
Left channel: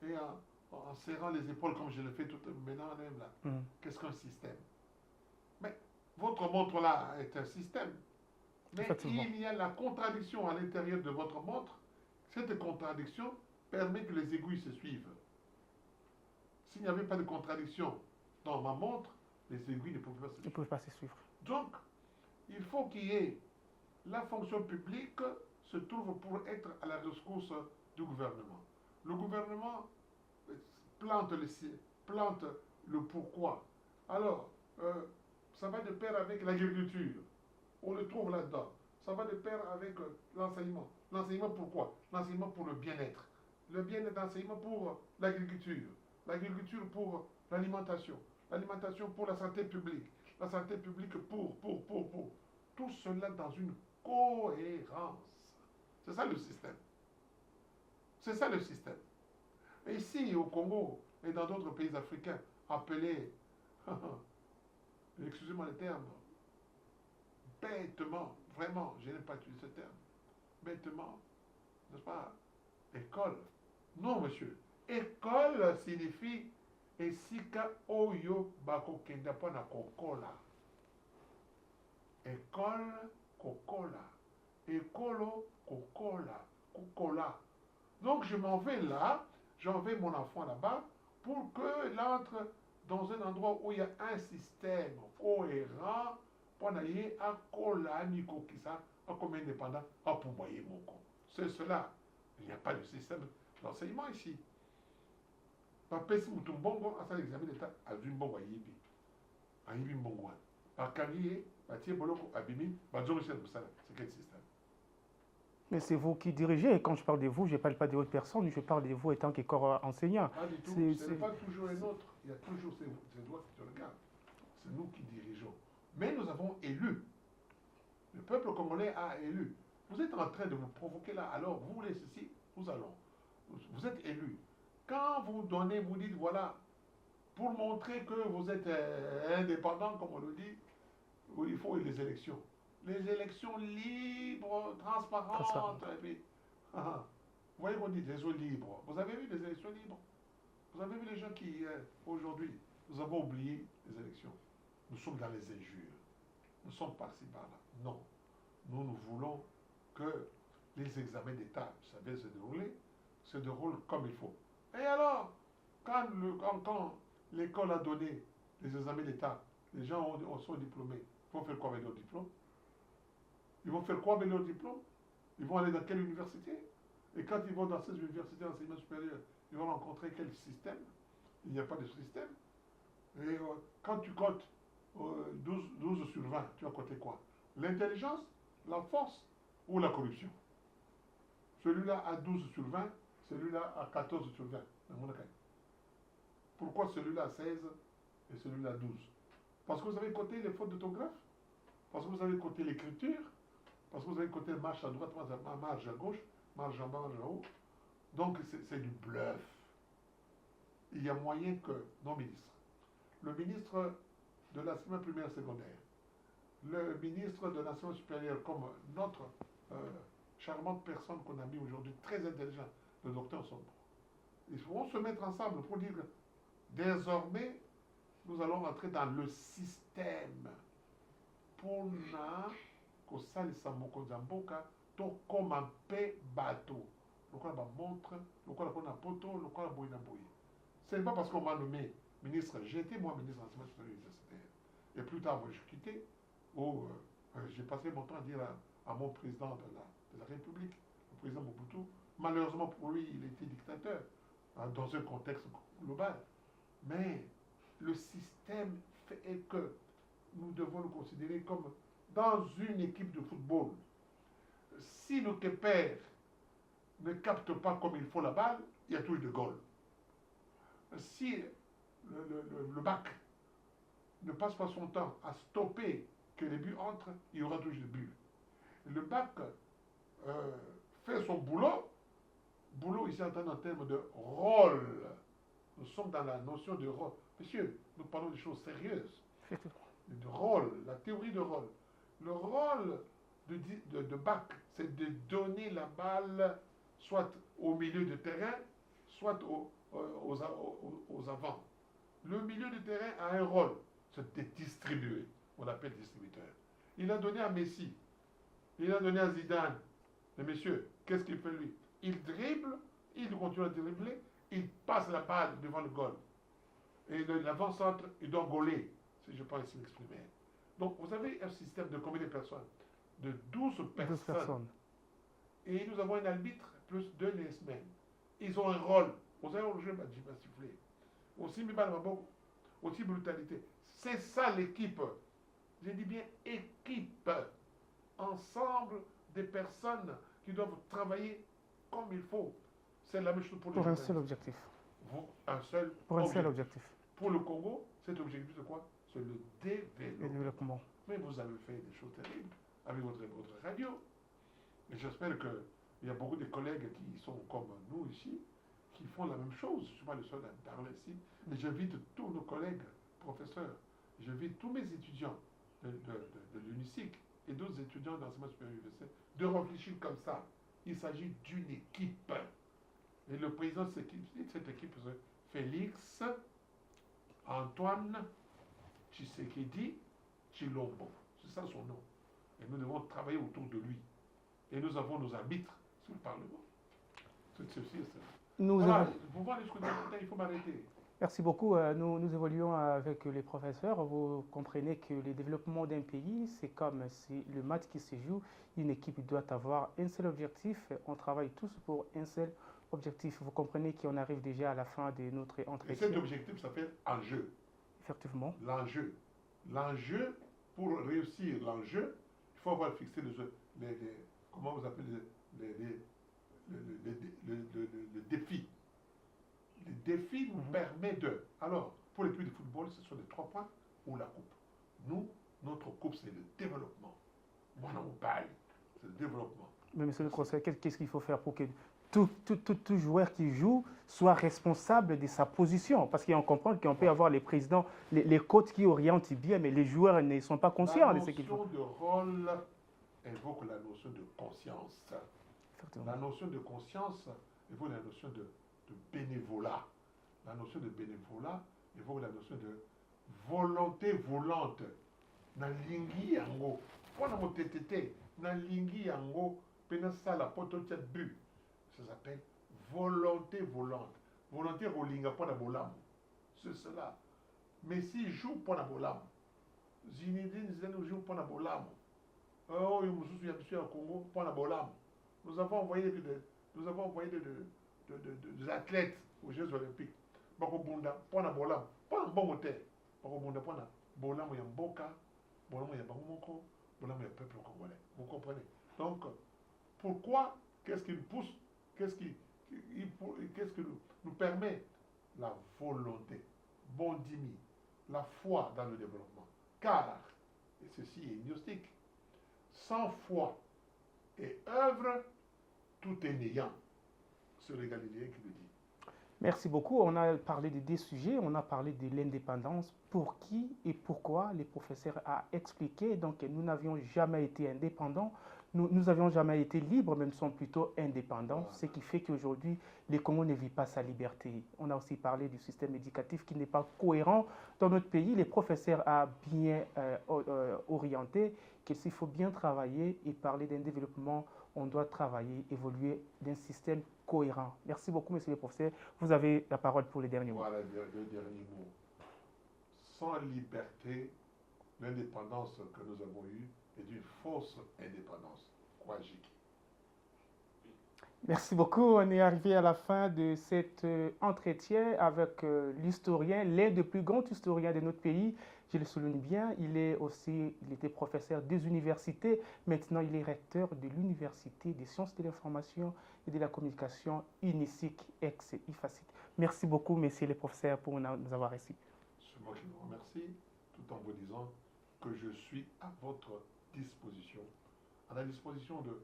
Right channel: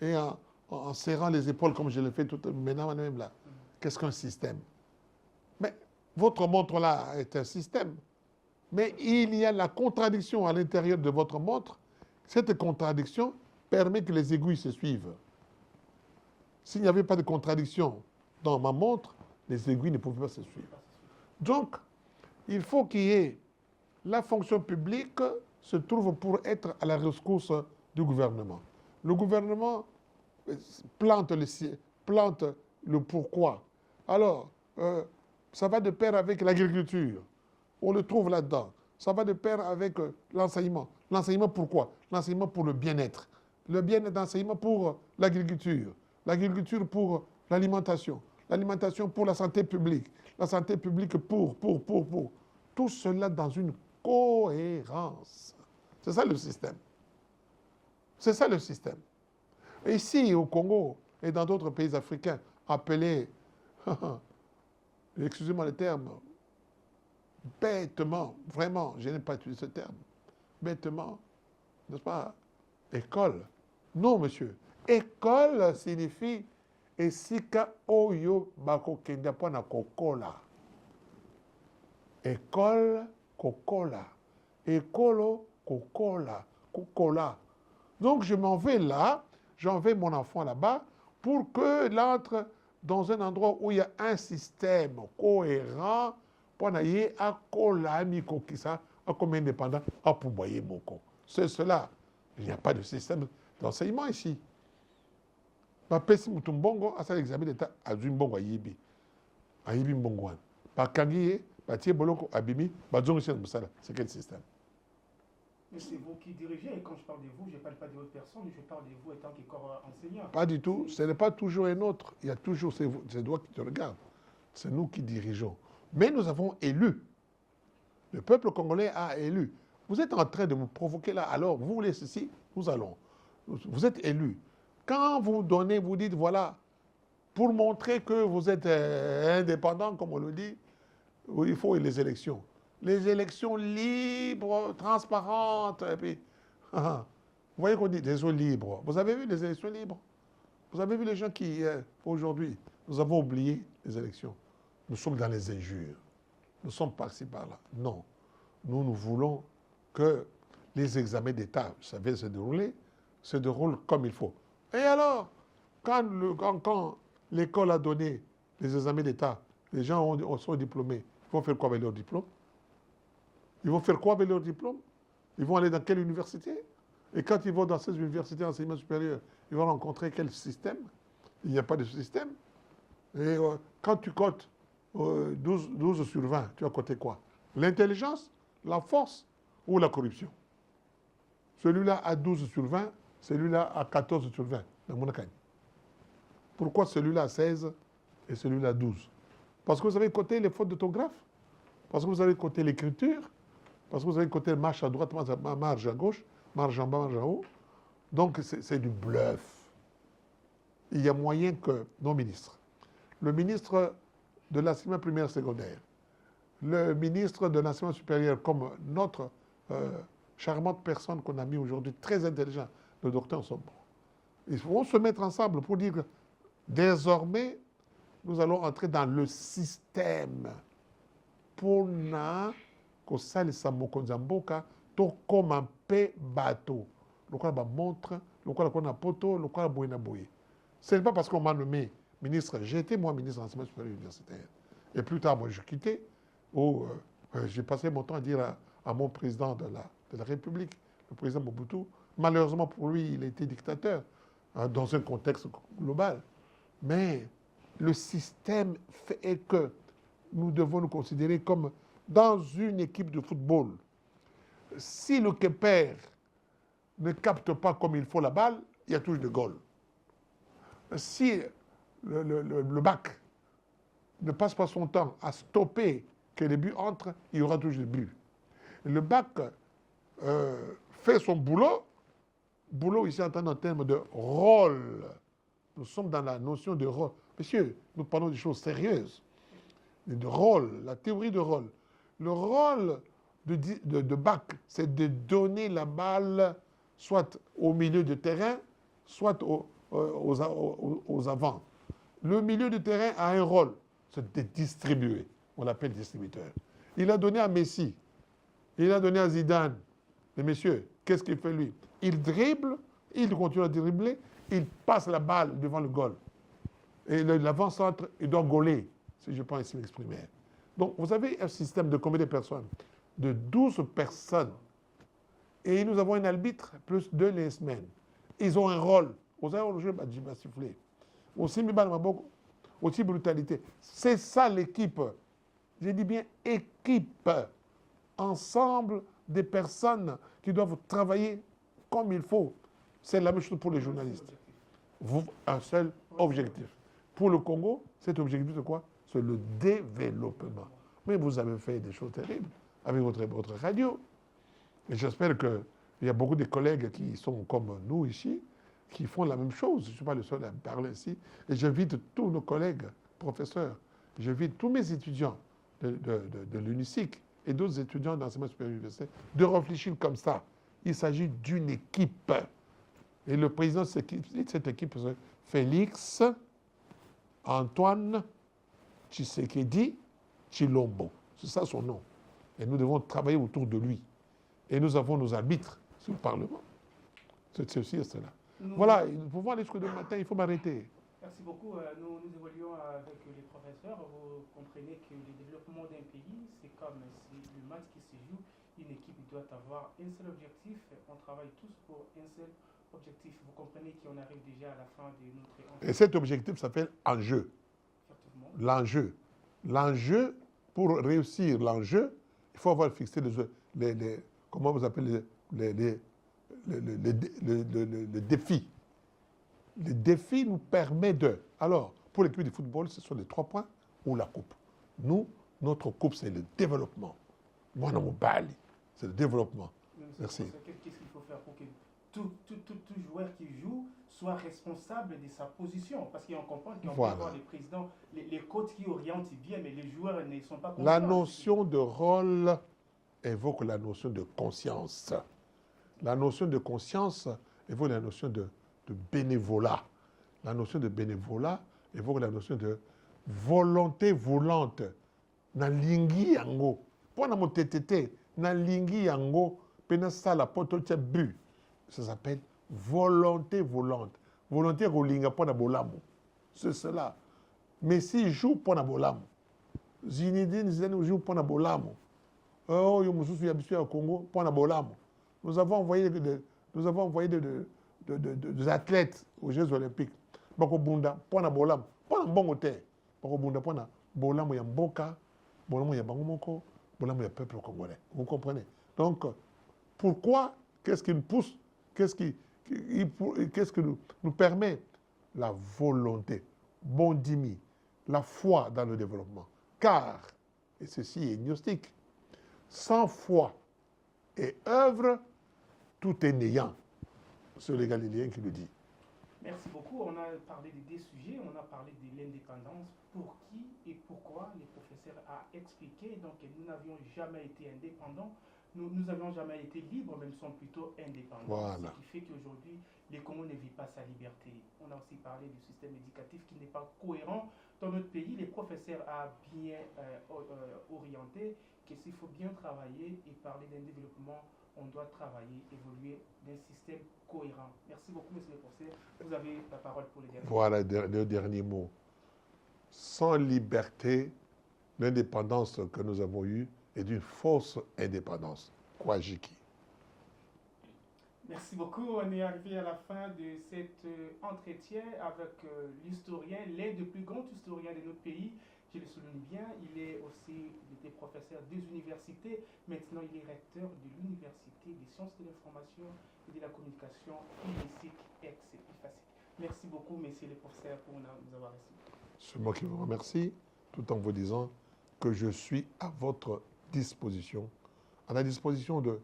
et en serrant les épaules comme je le fais tout maintenant même là. Qu'est-ce qu'un système? Mais votre montre-là est un système. Mais il y a la contradiction à l'intérieur de votre montre. Cette contradiction permet que les aiguilles se suivent. S'il n'y avait pas de contradiction dans ma montre, les aiguilles ne pouvaient pas se suivre. Donc, il faut qu'il y ait la fonction publique se trouve pour être à la rescousse du gouvernement. Le gouvernement plante le pourquoi. Alors, ça va de pair avec l'agriculture. On le trouve là-dedans. Ça va de pair avec l'enseignement. L'enseignement pourquoi? L'enseignement pour le bien-être. Le bien-être d'enseignement pour l'agriculture. L'agriculture pour l'alimentation. L'alimentation pour la santé publique. La santé publique pour. Tout cela dans une cohérence. C'est ça le système. C'est ça le système. Ici, au Congo et dans d'autres pays africains, appelés, excusez-moi le terme, bêtement, vraiment, je n'aime pas utiliser ce terme, bêtement, n'est-ce pas, école. Non, monsieur. École signifie esika oyo bako kenda pona kokola. École kokola. Écolo Coca-Cola, Coca-Cola. Donc je m'en vais là, j'envoie mon enfant là-bas pour qu'il entre dans un endroit où il y a un système cohérent pour aller à Cola, Mikokisa, à comme indépendant, à Pouboyer Moko. C'est cela. Il n'y a pas de système d'enseignement ici. Ma pesi mutumbongo à l'examen d'état à Zumbongo Yibi. À Yibi Mbongwan. Par Kangiye, par Thier Bolongo Abimi, par Zongishan Moussala. C'est quel système? Mais c'est vous qui dirigez. Et quand je parle de vous, je ne parle pas de votre personne, je parle de vous étant que corps enseignant. Pas du tout. Ce n'est pas toujours un autre. Il y a toujours c'est toi qui te regardes. C'est nous qui dirigeons. Mais nous avons élu. Le peuple congolais a élu. Vous êtes en train de vous provoquer là. Alors, vous voulez ceci, nous allons. Vous êtes élu. Quand vous donnez, vous dites, voilà, pour montrer que vous êtes indépendant, comme on le dit, il faut les élections. Les élections libres, transparentes. Et puis, vous voyez qu'on dit des élections libres. Vous avez vu les élections libres? Vous avez vu les gens qui, aujourd'hui, nous avons oublié les élections. Nous sommes dans les injures. Nous sommes par-ci, par-là. Non. Nous voulons que les examens d'État, vous savez, se déroulent comme il faut. Et alors, quand l'école a donné les examens d'État, les gens sont diplômés, ils vont faire quoi avec leur diplôme? Ils vont faire quoi avec leur diplôme? Ils vont aller dans quelle université? Et quand ils vont dans ces universités d'enseignement supérieur, ils vont rencontrer quel système? Il n'y a pas de système. Et quand tu cotes 12 sur 20, tu vas coter quoi? L'intelligence, la force ou la corruption? Celui-là a 12 sur 20, celui-là a 14 sur 20. Pourquoi celui-là a 16 et celui-là a 12? Parce que vous avez coté les fautes d'orthographe, parce que vous avez coté l'écriture, parce que vous avez coté marche à droite, marche à gauche, marche en bas, marche en haut. Donc c'est du bluff. Il y a moyen que nos ministres, le ministre de l'enseignement primaire secondaire, le ministre de l'enseignement supérieur, comme notre charmante personne qu'on a mis aujourd'hui, très intelligent, le docteur Sombo. Ils vont se mettre ensemble pour dire que désormais, nous allons entrer dans le système pour que ça les samokonzamboka to comme un peu bateau. Le quoi la montre, le quoi la poto, le quoi la boina boye. Ce n'est pas parce qu'on m'a nommé ministre, j'ai été moi ministre de l'enseignement supérieur universitaire. Et plus tard, moi, je quittais, j'ai passé mon temps à dire à mon président de la République, le président Mobutu, malheureusement pour lui, il a été dictateur dans un contexte global. Mais le système fait que nous devons nous considérer comme dans une équipe de football. Si le keeper ne capte pas comme il faut la balle, il y a toujours de goal. Si le bac ne passe pas son temps à stopper que les buts entrent, il y aura toujours des buts. Le bac fait son boulot. Boulot ici en termes de rôle. Nous sommes dans la notion de rôle. Messieurs, nous parlons des choses sérieuses. De rôle, la théorie de rôle. Le rôle de bac, c'est de donner la balle soit au milieu de terrain, soit aux avants. Le milieu de terrain a un rôle, c'est de distribuer. On l'appelle distributeur. Il a donné à Messi, il a donné à Zidane. Mais messieurs, qu'est-ce qu'il fait lui? Il dribble, il continue à dribbler, il passe la balle devant le goal. Et l'avant-centre, il doit gauler, si je peux ainsi m'exprimer. Donc, vous avez un système de combien de personnes? De 12 personnes. Et nous avons un arbitre plus 2 les semaines. Ils ont un rôle. Vous avez le jeu, bah, siffler. Aussi, aussi brutalité. C'est ça l'équipe. Je dis bien équipe. Ensemble des personnes qui doivent travailler comme il faut. C'est la même chose pour les journalistes. Un seul objectif. Pour le Congo, cet objectif, c'est quoi? C'est le développement. Mais vous avez fait des choses terribles avec votre radio. Et j'espère qu'il y a beaucoup de collègues qui sont comme nous ici, qui font la même chose. Je ne suis pas le seul à parler ici. Et j'invite tous nos collègues, professeurs, j'invite tous mes étudiants de l'UNICIC et d'autres étudiants d'enseignement supérieur universitaire de réfléchir comme ça. Il s'agit d'une équipe. Et le président de cette équipe, c'est Félix Antoine Tshisekedi Tshilombo. C'est ça son nom. Et nous devons travailler autour de lui. Et nous avons nos arbitres sur le Parlement. C'est ceci et cela. Nous Voilà, pour voir les trucs de matin, il faut m'arrêter. Merci beaucoup. Nous évoluons avec les professeurs. Vous comprenez que le développement d'un pays, c'est comme le match qui se joue. Une équipe doit avoir un seul objectif. On travaille tous pour un seul objectif. Vous comprenez qu'on arrive déjà à la fin de notre entretien. Et cet objectif s'appelle enjeu. Effectivement. L'enjeu. L'enjeu, pour réussir l'enjeu, il faut avoir fixé comment vous appelez les défis. Le défi nous permet de... Alors, pour l'équipe de football, ce sont les 3 points ou la coupe. Nous, notre coupe, c'est le développement. Moi, dans mon bali, c'est le développement. Mais monsieur le professeur, qu'est-ce qu'il faut faire pour que tout joueur qui joue soit responsable de sa position? Parce qu'on comprend qu'on peut avoir les présidents, les coachs qui orientent bien, mais les joueurs ne sont pas conscients. La notion de rôle évoque la notion de conscience. La notion de conscience évoque la notion de bénévolat. La notion de bénévolat évoque la notion de volonté volante. Na lingi yango. Pona mo tétété, na lingi yango, pena sala poto tia bu. Ça s'appelle volonté volante. Volonté rolinga pona bolamu. C'est cela. Mais s'il joue pona bolamu, Zinedine Zidane joue pona bolamu. Oh, yo mususu ya bisu ya Congo pona bolamu. Nous avons envoyé des athlètes aux Jeux Olympiques. Bako bunda pona bolamu. Pona mbongo te. Bako bunda pona bolamu ya mboka, bolamu ya bango moko, bolamu ya peuple congolais. Vous comprenez? Donc, pourquoi? Qu'est-ce qui nous pousse? Qu'est-ce qui nous permet? La volonté, bondimi, la foi dans le développement. Car, et ceci est gnostique, sans foi et œuvre, tout est néant. C'est le Galiléen qui le dit. Merci beaucoup. On a parlé de 2 sujets. On a parlé de l'indépendance. Pour qui et pourquoi les professeurs a expliqué. Donc, nous n'avions jamais été indépendants. Nous n'avions jamais été libres, mais nous sommes plutôt indépendants. Voilà. Ce qui fait qu'aujourd'hui, le Congo ne vit pas sa liberté. On a aussi parlé du système éducatif qui n'est pas cohérent dans notre pays. Les professeurs ont bien orienté qu'il faut bien travailler et parler d'un développement. On doit travailler, évoluer d'un système cohérent. Merci beaucoup, monsieur le professeur. Vous avez la parole pour les derniers mots. Voilà le dernier mot. Sans liberté, l'indépendance que nous avons eue est d'une fausse indépendance. Kwajiki. Merci beaucoup. On est arrivé à la fin de cet entretien avec l'historien, l'un des plus grands historiens de notre pays. Je le souligne bien, il était professeur des universités. Maintenant, il est recteur de l'Université des sciences de l'information et de la communication UNISIC ex-IFACIC. Merci beaucoup, messieurs les professeurs, pour nous avoir reçus. C'est moi qui vous remercie, tout en vous disant que je suis à votre disposition, à la disposition de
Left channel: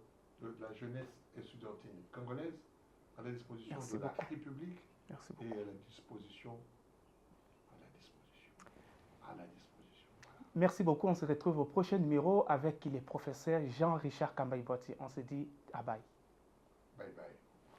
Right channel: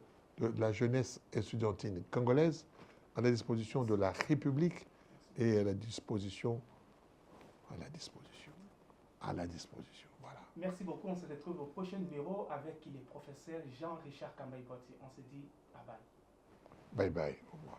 la jeunesse estudiantine congolaise, à la disposition de la République et à la disposition. Voilà. Merci beaucoup. On se retrouve au prochain numéro avec le professeur Jean-Richard Kambaï-Boiti. On se dit à bye. Bye bye. Au revoir.